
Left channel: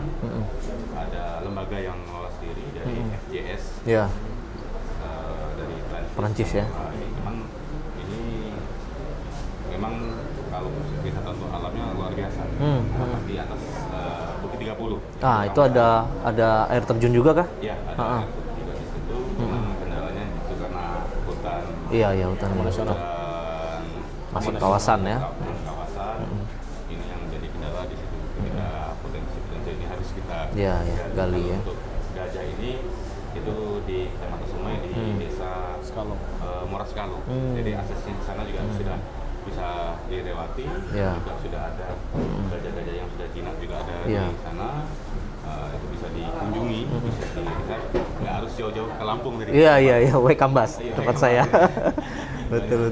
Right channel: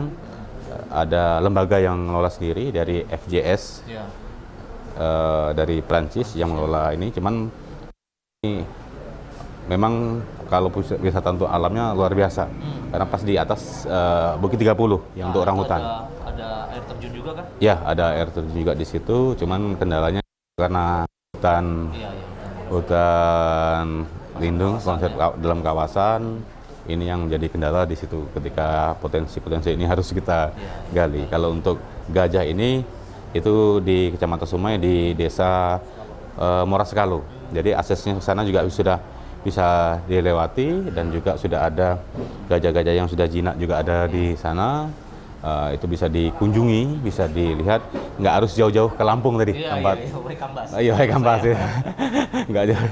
ada lembaga yang mengelola sendiri dari FJS Ya. dari Prancis yang ya. mengelola ini. Cuman ini memang kalau wisata untuk alamnya luar biasa karena pas di atas Bukit 30 yang untuk orang itu hutan. ada air terjun juga kah? Ya, ada air terjun juga di situ. Cuman kendalanya karena hutan Iya, hutan. lindung kawasan, masuk ya. dalam kawasan. Ini yang jadi kendala di situ ketika potensi ini harus kita Iya, gali. gali, Kalau ya. untuk gajah ini itu di Kecamatan Sumai di Desa Moras Sekalu. Jadi aksesnya ke sana juga sudah bisa dilewati dan juga sudah ada gajah-gajah yang sudah jinak juga ada di sana. Itu bisa dikunjungi, bisa dilihat, nggak harus jauh-jauh ke Lampung tadi. Iya, Waikambas. Iya, Waikambas. Nggak jauh.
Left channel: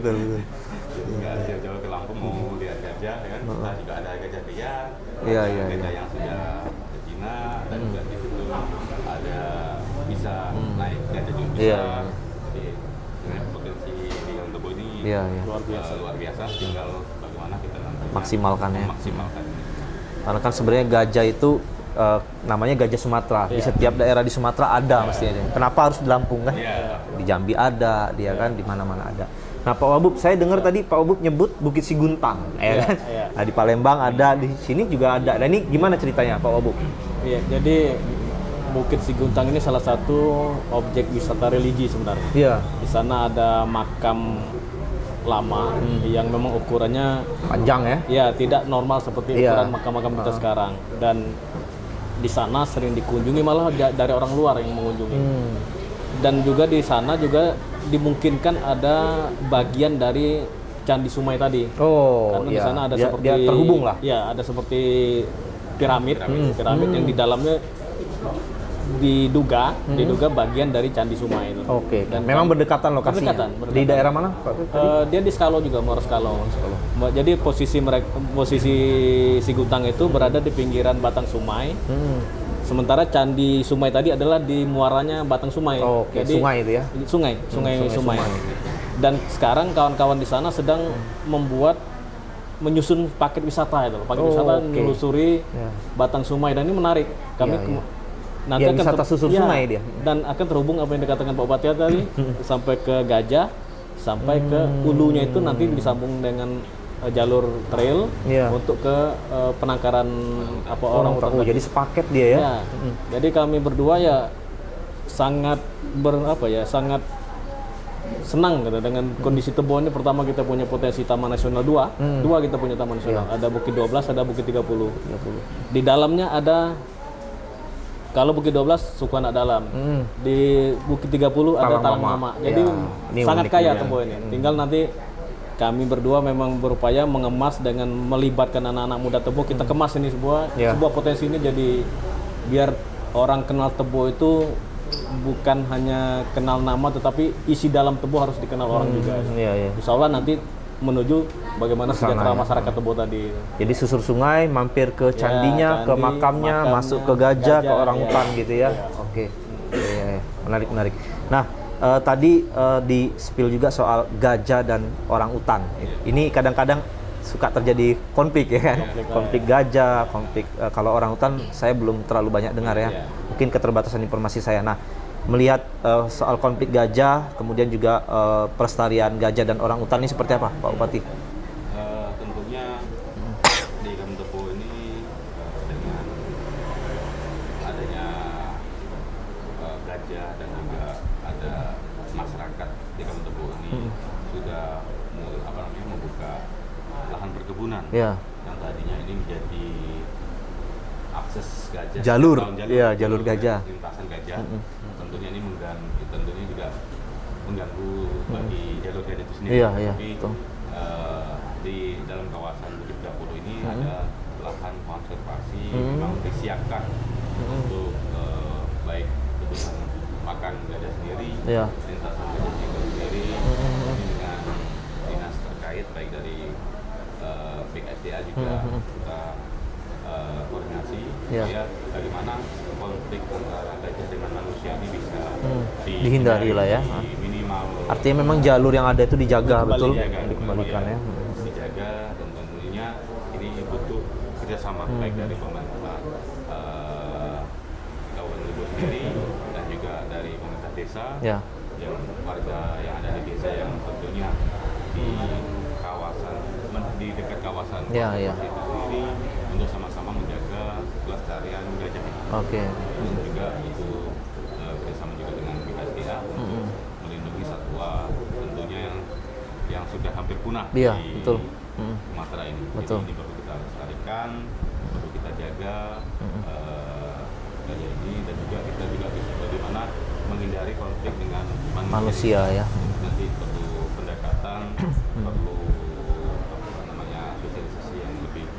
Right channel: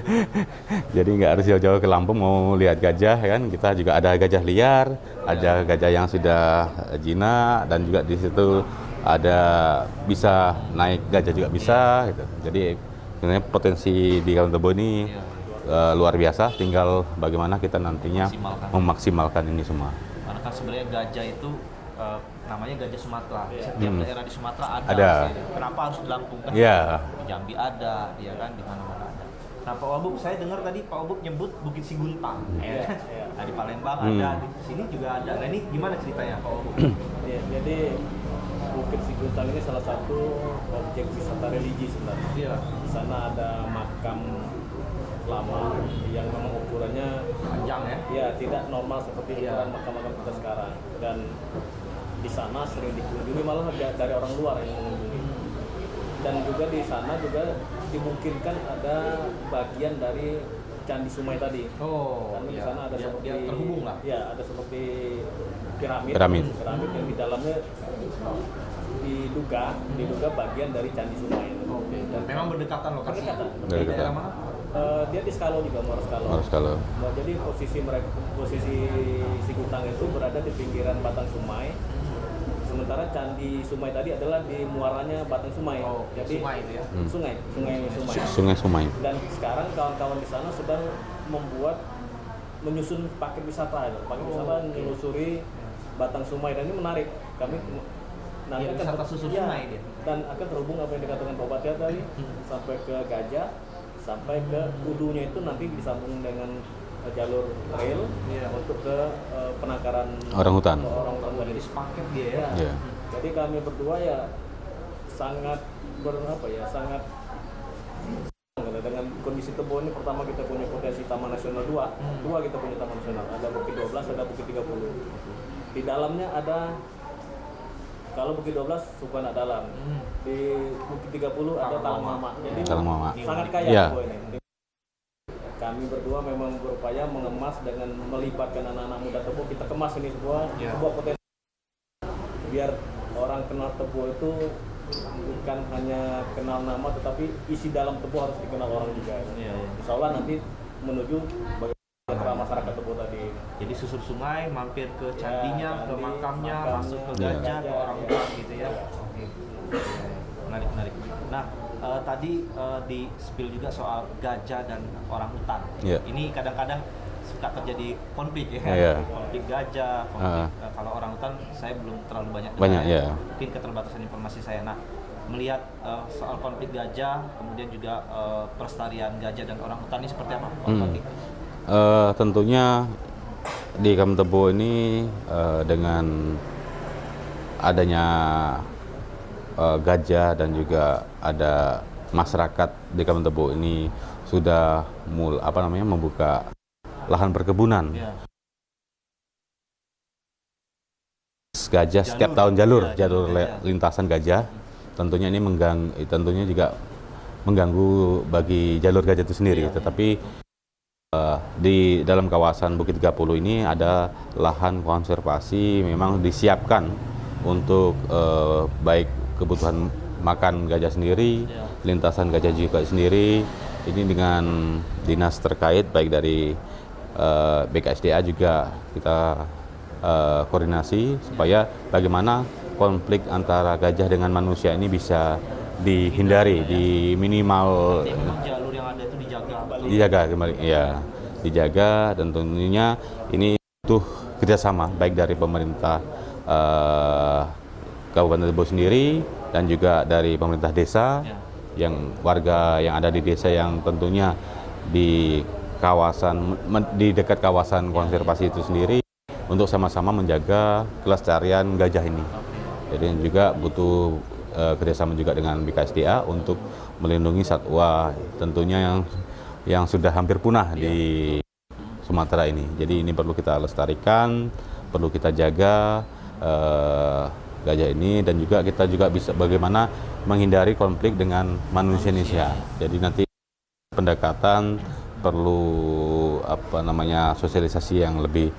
Jadi nggak harus jauh-jauh ke Lampung mau lihat gajah kan. Kita juga ada gajah liar, ada gajah yang sudah jinak dan juga di situ ada bisa naik gajah juga bisa. Gitu. Jadi sebenarnya potensi di Kabupaten Tebo ini luar biasa. Tinggal bagaimana kita nantinya memaksimalkan ini semua. Karena kan sebenarnya gajah itu namanya gajah Sumatera. Di setiap daerah di Sumatera ada mestinya. Kenapa harus di Lampung kan? Iya. Di Jambi ada, dia kan di mana-mana ada. Nah, Pak Wabub, saya dengar tadi Pak Wabub nyebut Bukit Siguntang, ya kan? Nah, di Palembang ada, di sini juga ada. Nah, ini gimana ceritanya, Pak Wabub? Iya, jadi Bukit Siguntang ini salah satu objek wisata religi sebenarnya. Iya. Di sana ada makam lama yang memang ukurannya Panjang ya? ya tidak normal seperti ukuran makam-makam kita sekarang, dan di sana sering dikunjungi malah dari orang luar yang mengunjungi. Dan juga di sana juga dimungkinkan ada bagian dari Candi Sumai tadi. Karena di sana ada seperti dia terhubung lah. Ya, ada seperti piramid yang di dalamnya diduga bagian dari Candi Sumai itu. Oke. Dan memang berdekatan lokasinya. Berdekatan. Di daerah mana, Pak? Dia di Skalo juga, Moras Skalo. Jadi posisi Siguntang itu berada di pinggiran Batang Sumai. Sementara Candi Sumai tadi adalah di muaranya Batang Sumai. Jadi sungai itu ya. Sungai Sumai. Dan sekarang kawan-kawan di sana sedang menyusun paket wisata itu. Paket wisata menelusuri Batang Sumai, dan ini menarik. Kami nanti akan wisata susur sungai dia. Dan akan terhubung apa yang dikatakan Pak Bupati tadi sampai ke Gajah, sampai ke hulunya itu nanti disambung dengan jalur trail untuk ke penangkaran orang hutan. Jadi sepaket dia ya. Jadi kami berdua ya sangat sangat senang gitu dengan kondisi Tebo ini. Pertama, kita punya potensi Taman Nasional 2. Kita punya Taman Nasional. Ada Bukit 12, ada Bukit 30. Di dalamnya ada, kalau Bukit 12 suku anak dalam. Di Bukit 30 ada Talang Mama. Jadi sangat kaya Tebo ini. Tinggal nanti kami berdua memang berupaya mengemas dengan melibatkan anak-anak muda Tebo. Kita kemas ini sebuah potensi ini, jadi biar orang kenal Tebo itu bukan hanya kenal nama, tetapi isi dalam Tebo harus dikenal orang juga. Insya Allah nanti menuju bagaimana sejahtera masyarakat Tebo tadi. Jadi susur sungai, mampir ke candinya, ke makamnya, masuk ke gajah, ke orang hutan gitu ya. Oke. Menarik. Nah, tadi di spill juga soal gajah dan orang hutan. Ini kadang-kadang suka terjadi konflik ya kan? Konflik gajah, konflik kalau orang hutan saya belum terlalu banyak dengar ya. Mungkin keterbatasan informasi saya. Nah, melihat soal konflik gajah, kemudian juga pelestarian gajah dan orang hutan ini seperti apa, Pak Bupati? Tentunya di Kabupaten Tebo ini dengan adanya gajah dan juga ada masyarakat di Kabupaten Tebo ini sudah membuka lahan perkebunan yang tadinya ini menjadi akses gajah Jalur. setiap tahun, jalur Ya, jalur gajah. lintasan gajah. Tentunya ini tentunya juga mengganggu bagi jalur gajah itu sendiri. Iya, Tetapi betul. di dalam kawasan Bukit 30 ini ada lahan konservasi memang disiapkan untuk baik kebutuhan makan gajah sendiri, Iya. lintasan gajah juga sendiri. Ini dengan dinas terkait baik dari BKSDA juga kita koordinasi supaya bagaimana konflik antara gajah dengan manusia ini bisa Dihindari dihindari, lah ya. di minimal Artinya memang jalur yang ada itu dijaga, betul? dijaga kembali ya, dijaga, dan tentunya ini butuh kerjasama baik dari pemerintah Kabupaten Tebo sendiri dan juga dari pemerintah desa, Ya. yang warga yang ada di desa yang tentunya di di dekat kawasan Ya, konservasi itu sendiri untuk sama-sama menjaga kelestarian gajah ini. Oke. Jadi juga butuh kerjasama juga dengan BKSDA untuk melindungi satwa tentunya yang sudah hampir punah Iya, di betul. Sumatera ini. Jadi ini perlu kita lestarikan, perlu kita jaga gajah ini, dan juga kita juga bisa bagaimana menghindari konflik dengan manusia Indonesia. ya. Jadi nanti pendekatan perlu sosialisasi yang lebih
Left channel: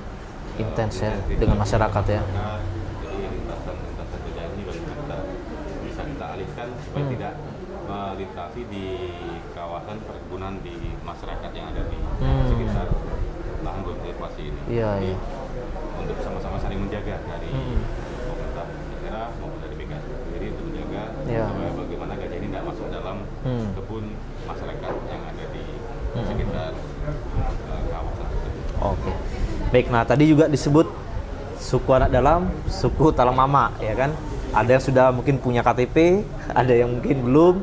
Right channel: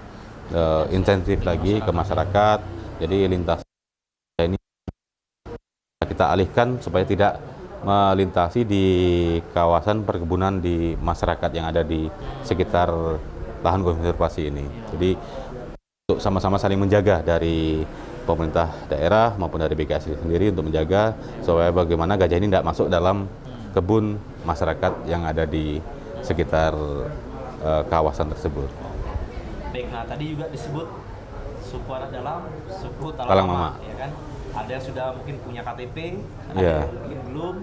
Intens ya, intensif dengan lagi ke masyarakat ya. masyarakat. Jadi lintasan gajah ini bisa kita alihkan supaya tidak melintasi di kawasan perkebunan di masyarakat yang ada di sekitar lahan konservasi ini. Iya, Jadi untuk sama-sama saling menjaga dari pemerintah daerah maupun dari BKS sendiri untuk menjaga supaya bagaimana gajah ini tidak masuk dalam kebun masyarakat yang ada di sekitar kawasan tersebut. Oke. Baik, nah tadi juga disebut suku anak dalam, suku Talang Talang Mama, ya kan? Ada yang sudah mungkin punya KTP, ada yang mungkin belum,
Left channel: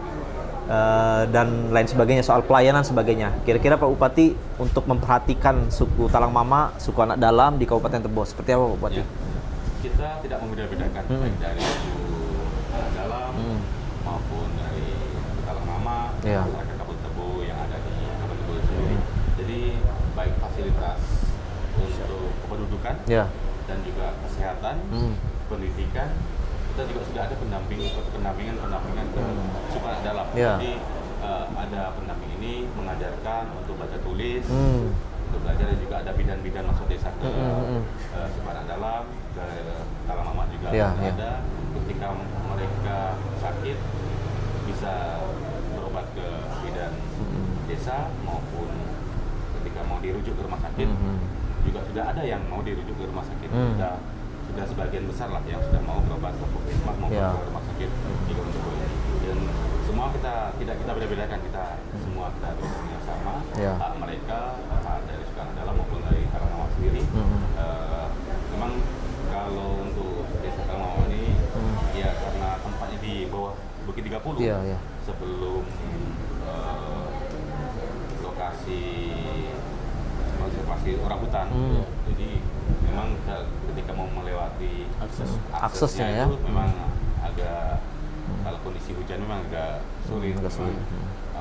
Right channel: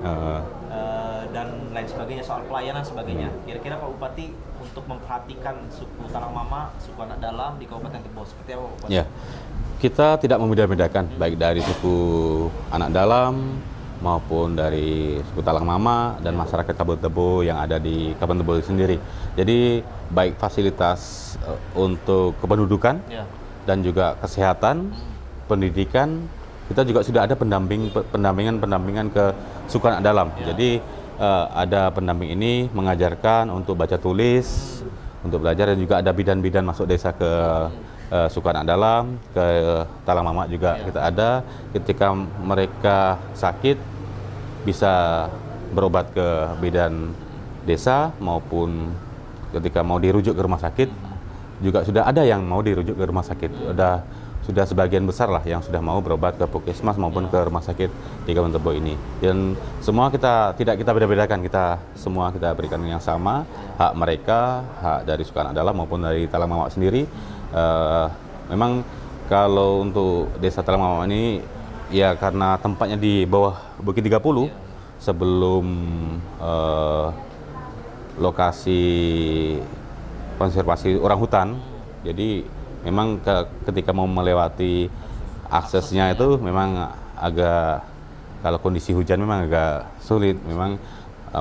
dan lain sebagainya, soal pelayanan sebagainya. Kira-kira Pak Bupati untuk memperhatikan suku Talang Mama, suku anak dalam di Kabupaten Tebo, seperti apa Pak Bupati? Ya, kita tidak membeda-bedakan baik dari suku anak dalam maupun dari suku Talang Mama dan masyarakat Kabupaten Tebo yang ada di Kabupaten Tebo sendiri. Jadi baik fasilitas untuk kependudukan dan juga kesehatan, pendidikan, kita juga sudah ada pendampingan ke suku anak dalam. Jadi ada pendamping ini mengajarkan untuk baca tulis, untuk belajar, dan juga ada bidan-bidan masuk desa ke suku anak dalam, ke Talang Mama juga kita ada. Ketika mereka sakit bisa berobat ke bidan desa, maupun ketika mau dirujuk ke rumah sakit juga sudah ada yang mau dirujuk ke rumah sakit. Sudah sebagian besar lah yang sudah mau berobat ke puskesmas maupun ke rumah sakit di Kabupaten Tebo ini. Dan semua tidak kita beda-bedakan, semua kita berikan yang sama, hak mereka, hak dari suku anak dalam maupun dari Talang Mama sendiri. Memang kalau untuk desa Talang Mama ini ya karena tempatnya di bawah Bukit 30 sebelum lokasi konservasi orang hutan. Jadi memang ketika mau melewati aksesnya itu memang agak, kalau kondisi hujan memang agak sulit. Memang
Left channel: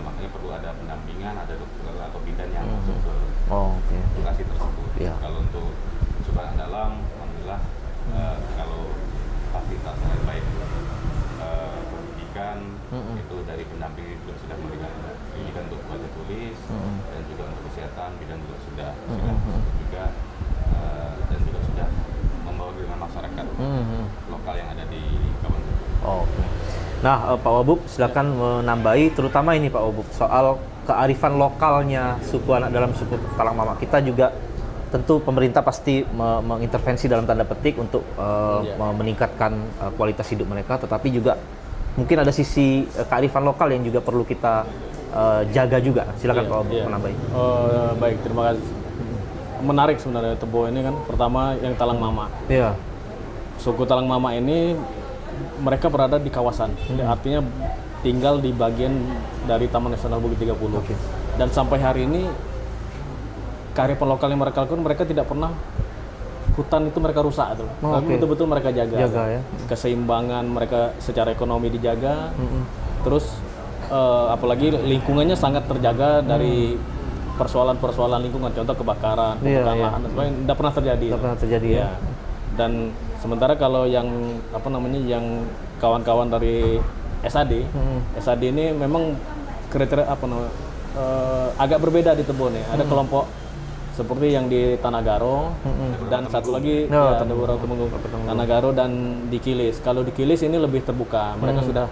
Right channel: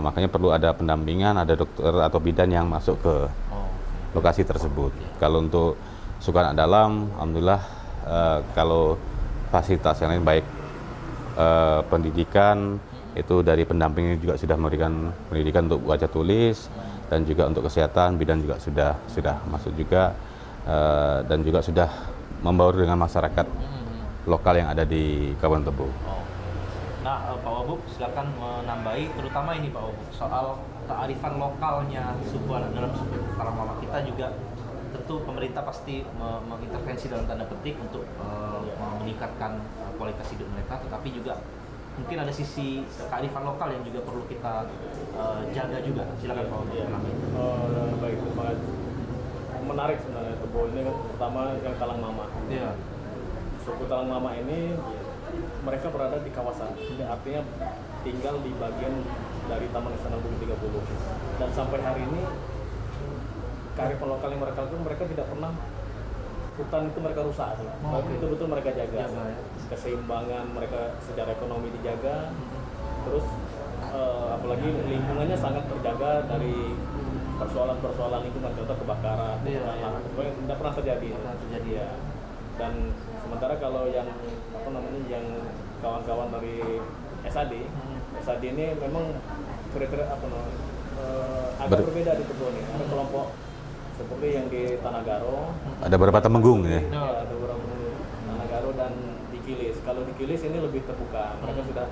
makanya perlu ada pendampingan, ada dokter atau bidan yang masuk ke lokasi tersebut. Kalau untuk suku anak dalam, alhamdulillah kalau fasilitas yang lain baik pendidikan itu dari pendampingnya juga sudah memberikan pendidikan untuk baca tulis, dan juga untuk kesehatan bidan juga sudah masuk juga, dan juga sudah membaur dengan masyarakat lokal yang ada di Kabupaten Tebo. Nah, Pak Wabub silakan menambahi, terutama ini Pak Wabub soal kearifan lokalnya suku anak dalam, suku Talang Mama. Kita juga tentu pemerintah pasti mengintervensi dalam tanda petik untuk meningkatkan kualitas hidup mereka, tetapi juga mungkin ada sisi kearifan lokal yang juga perlu kita jaga juga. Silakan Pak Wabub menambahi. Baik, terima kasih. Menarik sebenarnya Tebo ini kan, pertama yang Talang Mama. Suku Talang Mama ini mereka berada di kawasan, artinya tinggal di bagian dari Taman Nasional Bukit 30. Dan sampai hari ini kearifan lokal yang mereka lakukan, mereka tidak pernah hutan itu mereka rusak itu. Tapi betul-betul mereka jaga ya. Keseimbangan mereka secara ekonomi dijaga. Terus apalagi lingkungannya sangat terjaga dari persoalan-persoalan lingkungan, contoh kebakaran, Iya, pembukaan iya. lahan dan sebagainya, tidak pernah terjadi. Nggak pernah terjadi ya. Ya. Dan sementara kalau yang yang kawan-kawan dari SAD, SAD ini memang kriteria agak berbeda di Tebo nih. Ada kelompok seperti yang di Tanagaro, Ada beberapa dan satu temenggung lagi, ya? ya, ada beberapa temenggung. Tanagaro dan di Kilis. Kalau di Kilis ini lebih terbuka. Mereka sudah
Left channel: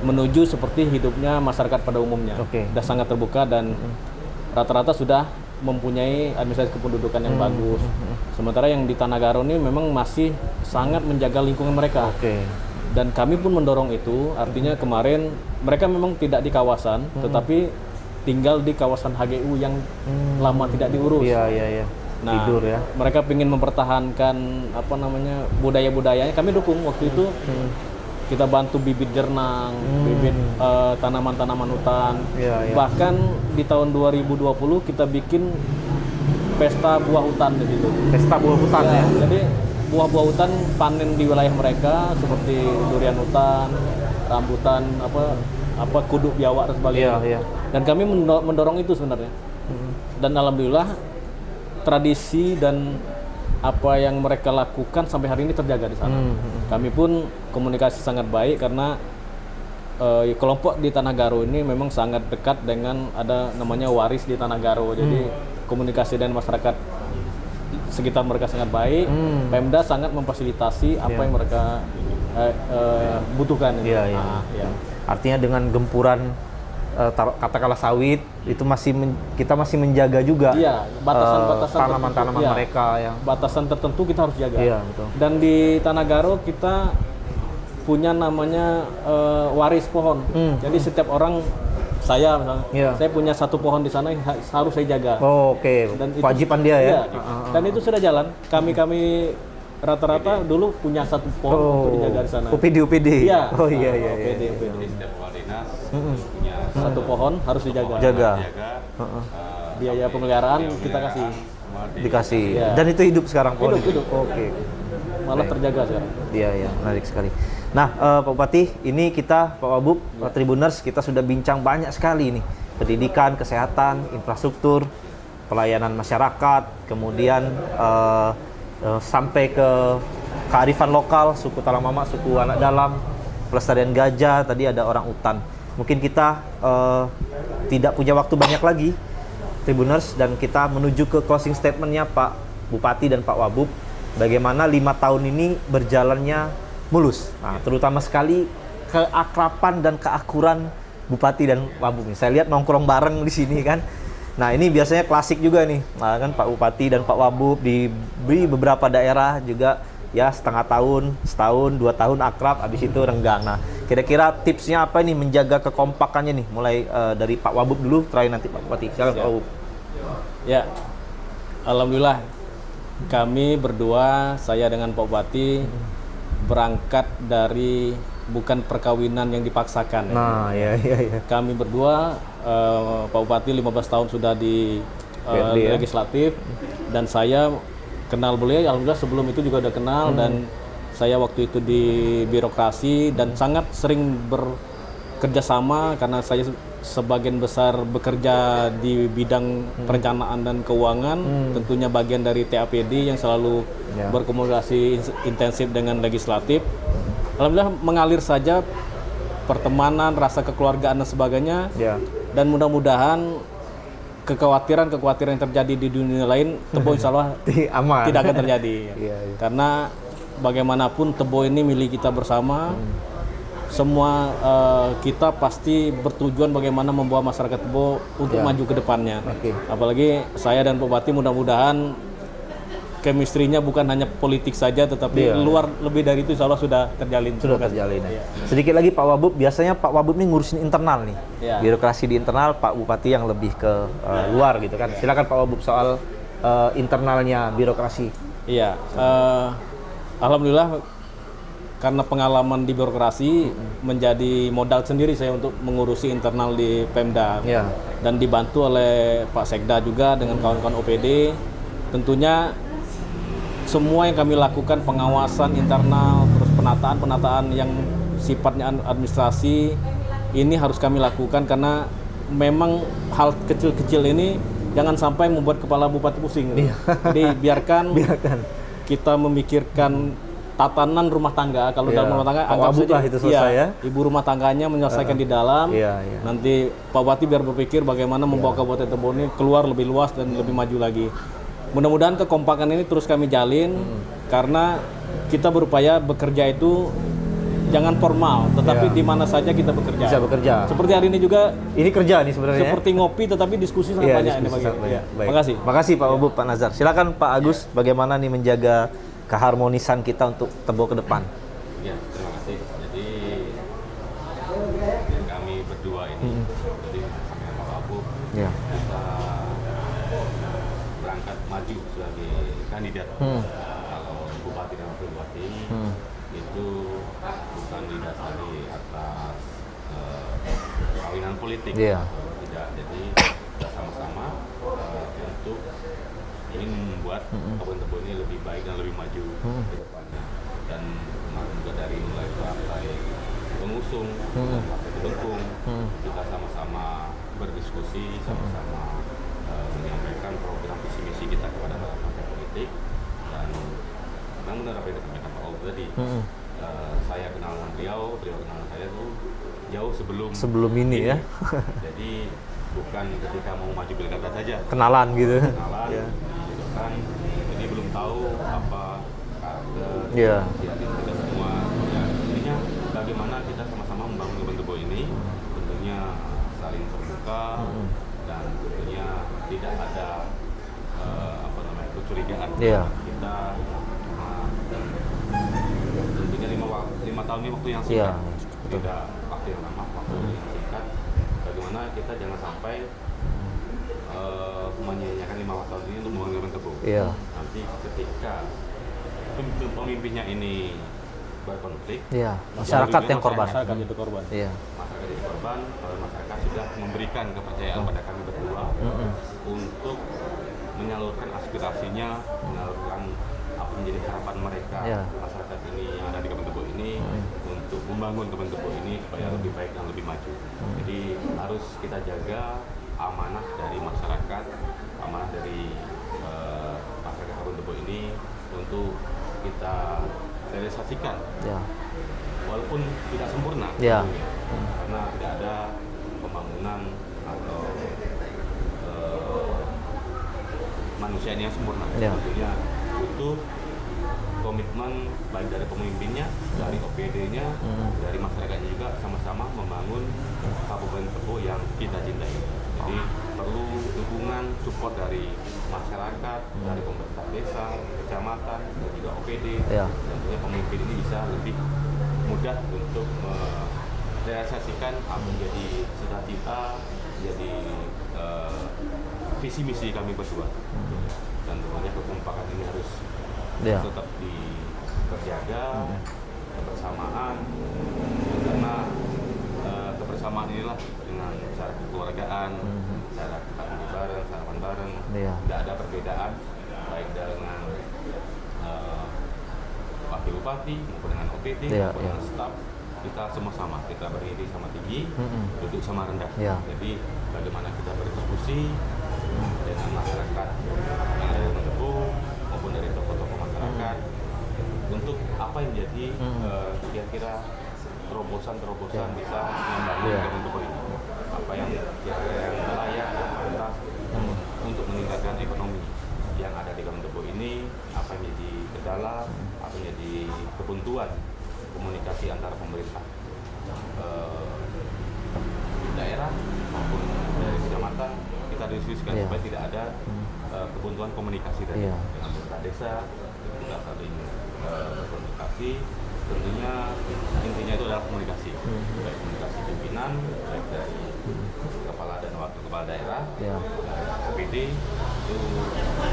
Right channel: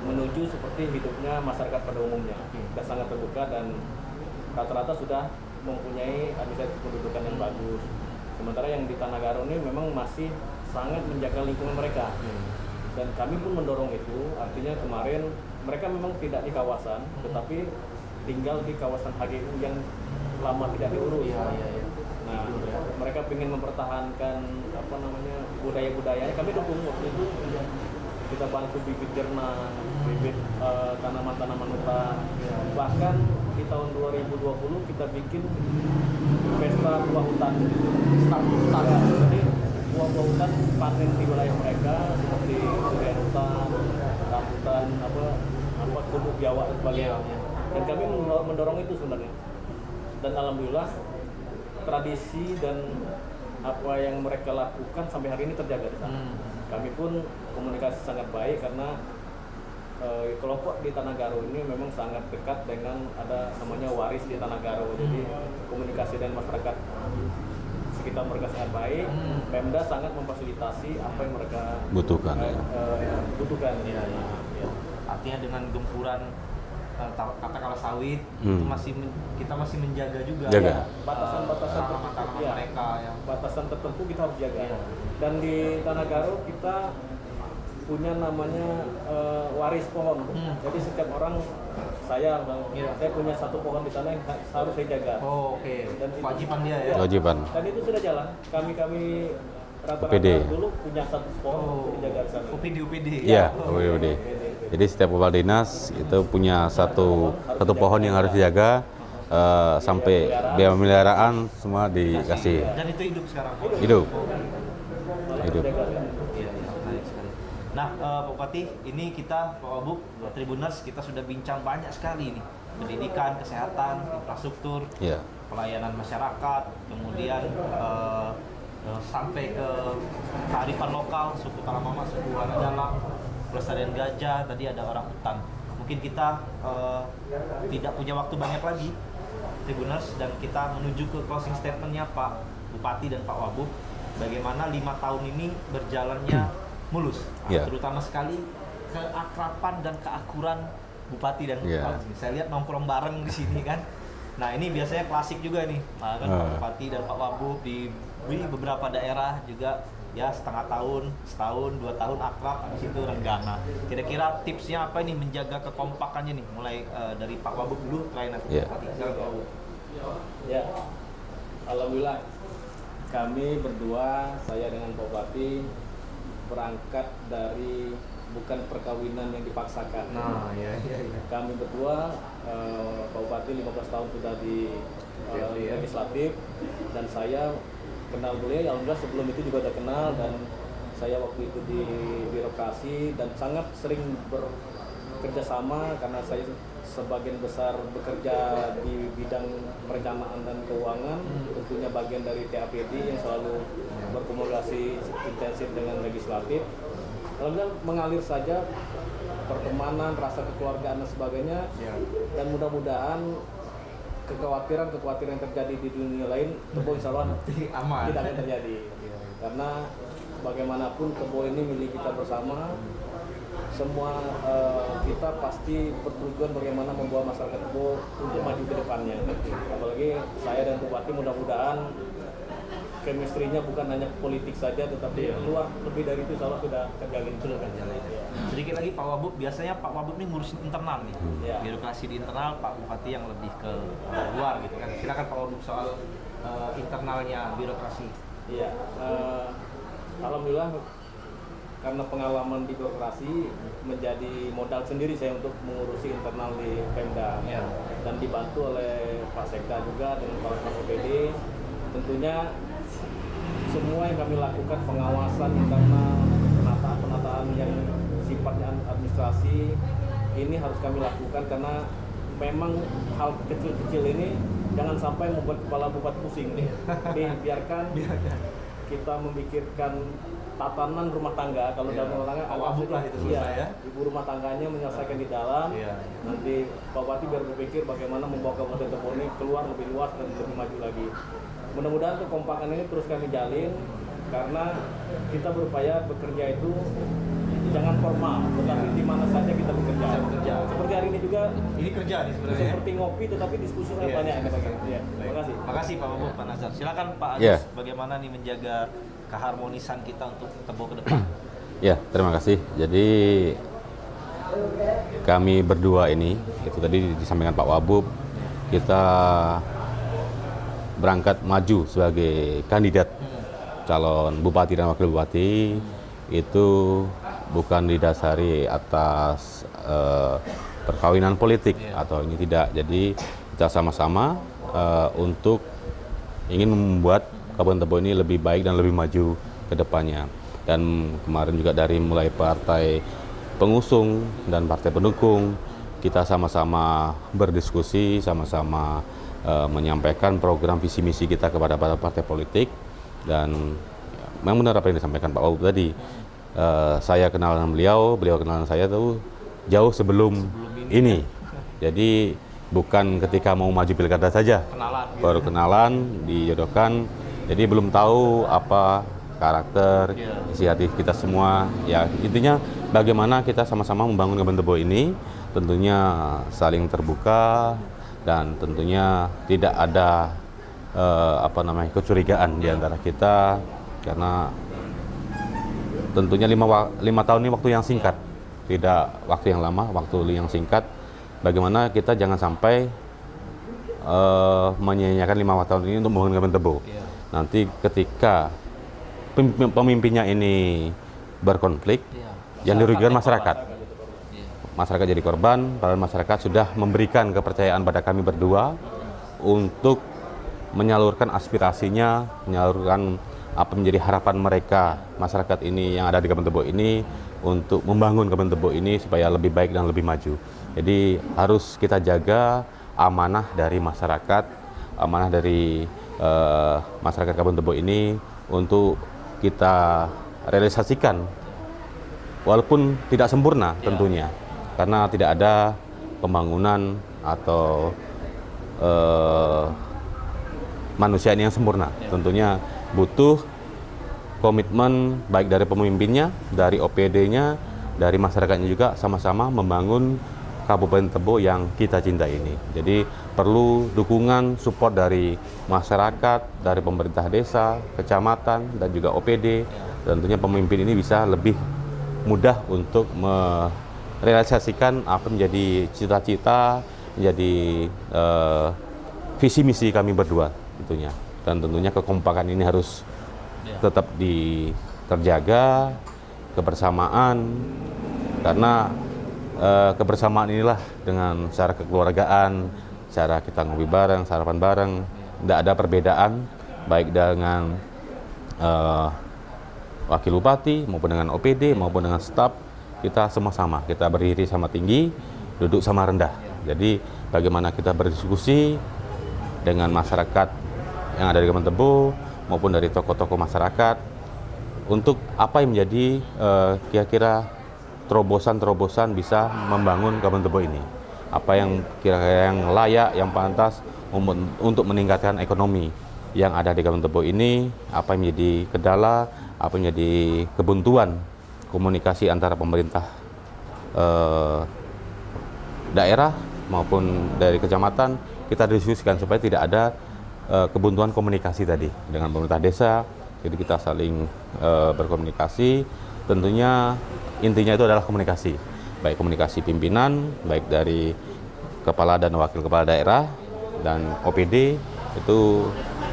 menuju seperti hidupnya masyarakat pada umumnya. Oke. Sudah sangat terbuka dan rata-rata sudah mempunyai administrasi kependudukan yang bagus. Sementara yang di Tanagaro ini memang masih sangat menjaga lingkungan mereka. Oke. Dan kami pun mendorong itu, artinya kemarin mereka memang tidak di kawasan, tetapi tinggal di kawasan HGU yang lama tidak diurus. Iya. Nah, Tidur ya. mereka ingin mempertahankan budaya-budayanya. Kami dukung waktu itu. Kita bantu bibit jernang, bibit tanaman-tanaman hutan. Iya. Bahkan di tahun 2020 kita bikin pesta buah hutan di situ. Pesta buah hutan ya. Jadi buah-buah hutan panen di wilayah mereka seperti durian hutan, rambutan, kudu biawak dan sebagainya. Iya. Dan kami mendorong itu sebenarnya. Dan alhamdulillah tradisi dan apa yang mereka lakukan sampai hari ini terjaga di sana. Kami pun komunikasi sangat baik karena kelompok di Tanagaro ini memang sangat dekat dengan ada namanya waris di Tanagaro. Jadi komunikasi dengan masyarakat sekitar mereka sangat baik. Pemda sangat memfasilitasi apa yang mereka butuhkan. Iya. Nah, ya. Artinya dengan gempuran katakanlah sawit itu kita masih menjaga juga Iya, batasan-batasan tanaman-tanaman tertentu. mereka yang Batasan tertentu kita harus jaga. Iya, betul. Dan di Tanagaro kita punya namanya waris pohon. Jadi setiap orang misalnya, Iya. saya punya satu pohon di sana yang harus saya jaga. Oh, oke. Dan itu- Kewajiban dia ya. Iya. Kewajiban. Dan itu sudah jalan. Kami rata-rata PD. dulu punya satu pohon untuk dijaga di sana. UPD. Iya. Oh iya. PD. Jadi setiap kepala dinas itu punya satu pohon harus satu dijaga. pohon yang harus dijaga sampai pemeliharaan biaya pemeliharaan semua Dikasih. dikasih. Iya. Dan itu hidup sekarang pohon. Hidup. Oke. Malah terjaga sekarang. Iya, menarik sekali. Nah, Pak Bupati, ini kita, Pak Wabub, Tribuners, kita sudah bincang banyak sekali nih. Pendidikan, kesehatan, infrastruktur, Iya. pelayanan masyarakat, kemudian sampai ke kearifan lokal, suku Talamama, suku Anak Dalam, pelestarian gajah, tadi ada orang utan. Mungkin kita tidak punya waktu banyak lagi, Tribuners, dan kita menuju ke closing statement-nya Pak Bupati dan Pak Wabub. Bagaimana 5 tahun ini berjalannya mulus, terutama sekali keakraban dan keakuran Bupati dan Wabub. Saya lihat nongkrong bareng di sini kan. Nah ini biasanya klasik juga nih, kan Pak Bupati dan Pak Wabub di beberapa daerah juga ya setengah tahun, setahun, 2 tahun akrab, habis itu renggang. Nah kira-kira tipsnya apa nih menjaga kekompakannya nih, mulai dari Pak Wabub dulu, terakhir nanti Pak Bupati. Silakan Pak Wabub. Ya, alhamdulillah kami berdua, saya dengan Pak Bupati berangkat dari bukan perkawinan yang dipaksakan. Nah, ya. Kami berdua, Pak Bupati 15 tahun sudah di BRD, ya? legislatif, dan saya kenal beliau, alhamdulillah sebelum itu juga udah kenal, dan saya waktu itu di birokrasi dan sangat sering bekerja sama karena saya sebagian besar bekerja di bidang perencanaan dan keuangan, tentunya bagian dari TAPD yang selalu berkomunikasi intensif dengan legislatif. Alhamdulillah mengalir saja pertemanan, rasa kekeluargaan dan sebagainya. Dan mudah-mudahan kekhawatiran yang terjadi di dunia lain, Tebo insya Allah Aman. tidak akan terjadi. Karena bagaimanapun Tebo ini milik kita bersama. Semua kita pasti bertujuan bagaimana membawa masyarakat Tebo untuk maju ke depannya. Apalagi saya dan Pak Bupati mudah-mudahan chemistry-nya bukan hanya politik saja, tetapi luar lebih dari itu insya Allah sudah terjalin. Sudah terjalin. Sedikit lagi Pak Wabub, biasanya Pak Wabub ini ngurusin internal nih. Birokrasi di internal, Pak Bupati yang lebih ke luar gitu kan. Silakan Pak Wabub soal internalnya birokrasi. Iya, alhamdulillah karena pengalaman di birokrasi menjadi modal sendiri saya untuk mengurusi internal di Pemda. Dan dibantu oleh Pak Sekda juga dengan kawan-kawan OPD. Tentunya semua yang kami lakukan, pengawasan internal, terus penataan yang sifatnya administrasi, ini harus kami lakukan karena memang hal kecil-kecil ini jangan sampai membuat kepala bupati pusing. Jadi biarkan kita memikirkan tatanan rumah tangga. Kalau dalam rumah tangga anggap saja itu selesai ya. Ibu rumah tangganya menyelesaikan di dalam. Nanti Pak Bupati biar berpikir bagaimana membawa Kabupaten Tebo ini keluar lebih luas dan lebih maju lagi. Mudah-mudahan kekompakan ini terus kami jalin karena kita berupaya bekerja itu jangan formal, tetapi di mana saja kita bekerja. Bisa bekerja. Seperti hari ini juga. Ini kerja nih sebenarnya. Seperti ngopi, tetapi diskusi sangat banyak ini Pak. Terima kasih. Makasih Pak Wabub, Pak Nazar. Silakan Pak Agus, bagaimana nih menjaga keharmonisan kita untuk Tebo ke depan? Ya, terima kasih. Jadi kami berdua ini, itu tadi disampaikan Pak Wabub, kita berangkat maju sebagai kandidat calon bupati dan wakil bupati. Itu bukan didasari atas perkawinan politik atau ini tidak. Jadi kita sama-sama untuk ingin membuat Kabupaten Tebo ini lebih baik dan lebih maju ke depannya. Dan kemarin juga dari mulai partai pengusung dan partai pendukung, kita sama-sama berdiskusi, sama-sama menyampaikan program visi misi kita kepada partai politik. Dan memang benar apa yang disampaikan Pak Wabub tadi. Saya kenal dengan beliau kenal dengan saya tuh jauh sebelum ini. Ya? Jadi bukan ketika mau maju pilkada saja. Kenalan gitu. Baru kenalan, dijodohkan. Jadi belum tahu apa karakter, inisiatif kita semua. Ya intinya bagaimana kita sama-sama membangun Kabupaten Tebo ini, tentunya saling terbuka dan tentunya tidak ada kecurigaan di antara kita, karena tentunya 5 tahun ini waktu yang singkat, tidak waktu yang lama, waktu yang singkat. Bagaimana kita jangan sampai menyia-nyiakan 5 tahun ini untuk membangun Kabupaten Tebo. Nanti ketika pemimpinnya ini berkonflik, yang dirugikan masyarakat. Masyarakat jadi korban, padahal masyarakat sudah memberikan kepercayaan pada kami berdua untuk menyalurkan aspirasinya, menyalurkan apa menjadi harapan mereka, masyarakat ini yang ada di Kabupaten Tebo ini untuk membangun Kabupaten Tebo ini supaya lebih baik dan lebih maju. Jadi harus kita jaga amanah dari masyarakat, amanah dari masyarakat Kabupaten Tebo ini untuk kita realisasikan, walaupun tidak sempurna tentunya, karena tidak ada pembangunan atau manusia ini yang sempurna. Tentunya butuh komitmen baik dari pemimpinnya, dari OPD-nya, dari masyarakatnya juga sama-sama membangun Kabupaten Tebo yang kita cintai ini. Jadi perlu dukungan, support dari masyarakat, dari pemerintah desa, kecamatan, dan juga OPD. Tentunya pemimpin ini bisa lebih mudah untuk merealisasikan apa menjadi cita-cita, menjadi visi misi kami berdua tentunya. Dan tentunya kekompakan ini harus tetap terjaga, kebersamaan, karena kebersamaan inilah dengan cara kekeluargaan, cara kita ngopi bareng, sarapan bareng, tidak ada perbedaan baik dengan wakil bupati maupun dengan OPD maupun dengan staf. Kita sama-sama, kita berdiri sama tinggi, duduk sama rendah. Jadi bagaimana kita berdiskusi dengan masyarakat yang ada di Kabupaten Tebo maupun dari tokoh-tokoh masyarakat untuk apa yang menjadi kira-kira terobosan-terobosan bisa membangun Kabupaten Tebo ini. Apa yang kira-kira yang layak, yang pantas untuk meningkatkan ekonomi yang ada di Kabupaten Tebo ini, apa yang menjadi kendala, apa yang menjadi kebuntuan komunikasi antara pemerintah daerah maupun dari kecamatan, kita diskusikan supaya tidak ada kebuntuan komunikasi tadi dengan pemerintah desa. Jadi kita saling berkomunikasi. Tentunya intinya itu adalah komunikasi, baik komunikasi pimpinan, baik dari kepala dan wakil kepala daerah dan OPD. Itu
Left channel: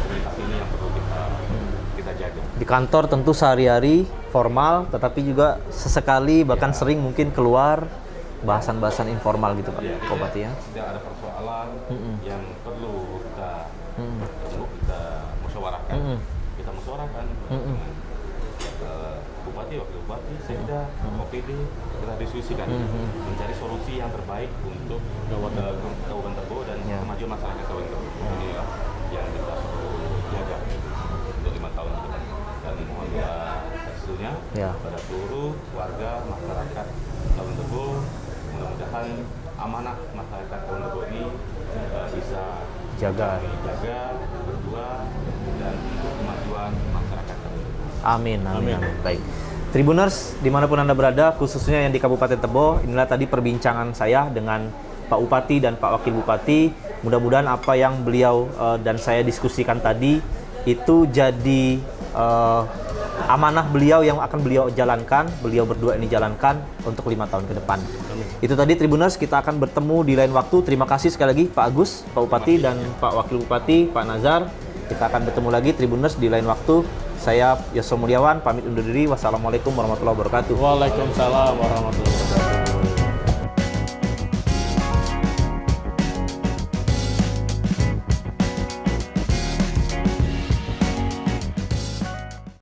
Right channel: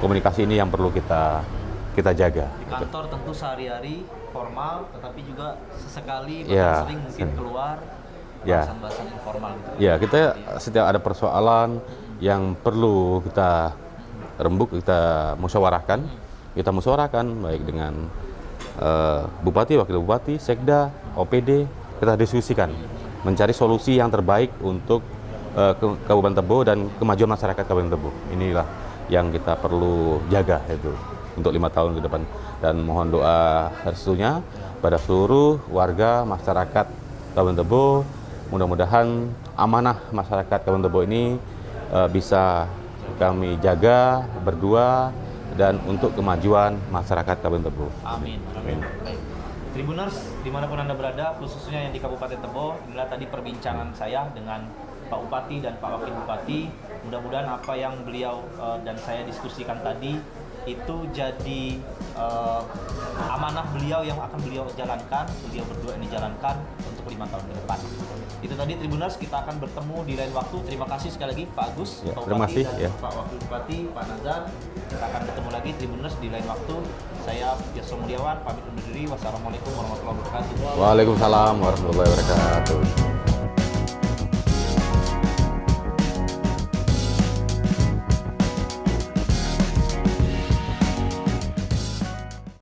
komunikasi ini yang perlu kita jaga. Di kantor tentu sehari-hari formal, tetapi juga sesekali bahkan sering mungkin keluar bahasan-bahasan informal gitu Pak. Kita setiap ada persoalan yang perlu kita rembuk, kita musyawarahkan. Kita musyawarahkan baik dengan bupati, wakil bupati, sekda, OPD, kita diskusikan mencari solusi yang terbaik untuk Kabupaten Tebo dan kemajuan masyarakat Kabupaten Tebo. Inilah yang kita perlu jaga itu untuk 5 tahun ke depan. Dan mohon doa restunya pada seluruh warga masyarakat Kabupaten Tebo. Mudah-mudahan amanah masyarakat Kabupaten Tebo ini bisa kami jaga berdua dan untuk kemajuan masyarakat Kabupaten Tebo. Amin, amin. Baik. Tribuners, dimanapun Anda berada, khususnya yang di Kabupaten Tebo, inilah tadi perbincangan saya dengan Pak Bupati dan Pak Wakil Bupati. Mudah-mudahan apa yang beliau dan saya diskusikan tadi itu jadi amanah beliau yang akan beliau jalankan, beliau berdua ini jalankan untuk 5 tahun ke depan. Itu tadi Tribuners, kita akan bertemu di lain waktu. Terima kasih sekali lagi Pak Agus, Pak Bupati dan Pak Wakil Bupati, Pak Nazar. Kita akan bertemu lagi Tribuners di lain waktu. Saya Yosef Mulyawan, pamit undur diri. Wassalamualaikum warahmatullahi wabarakatuh. Waalaikumsalam warahmatullahi wabarakatuh.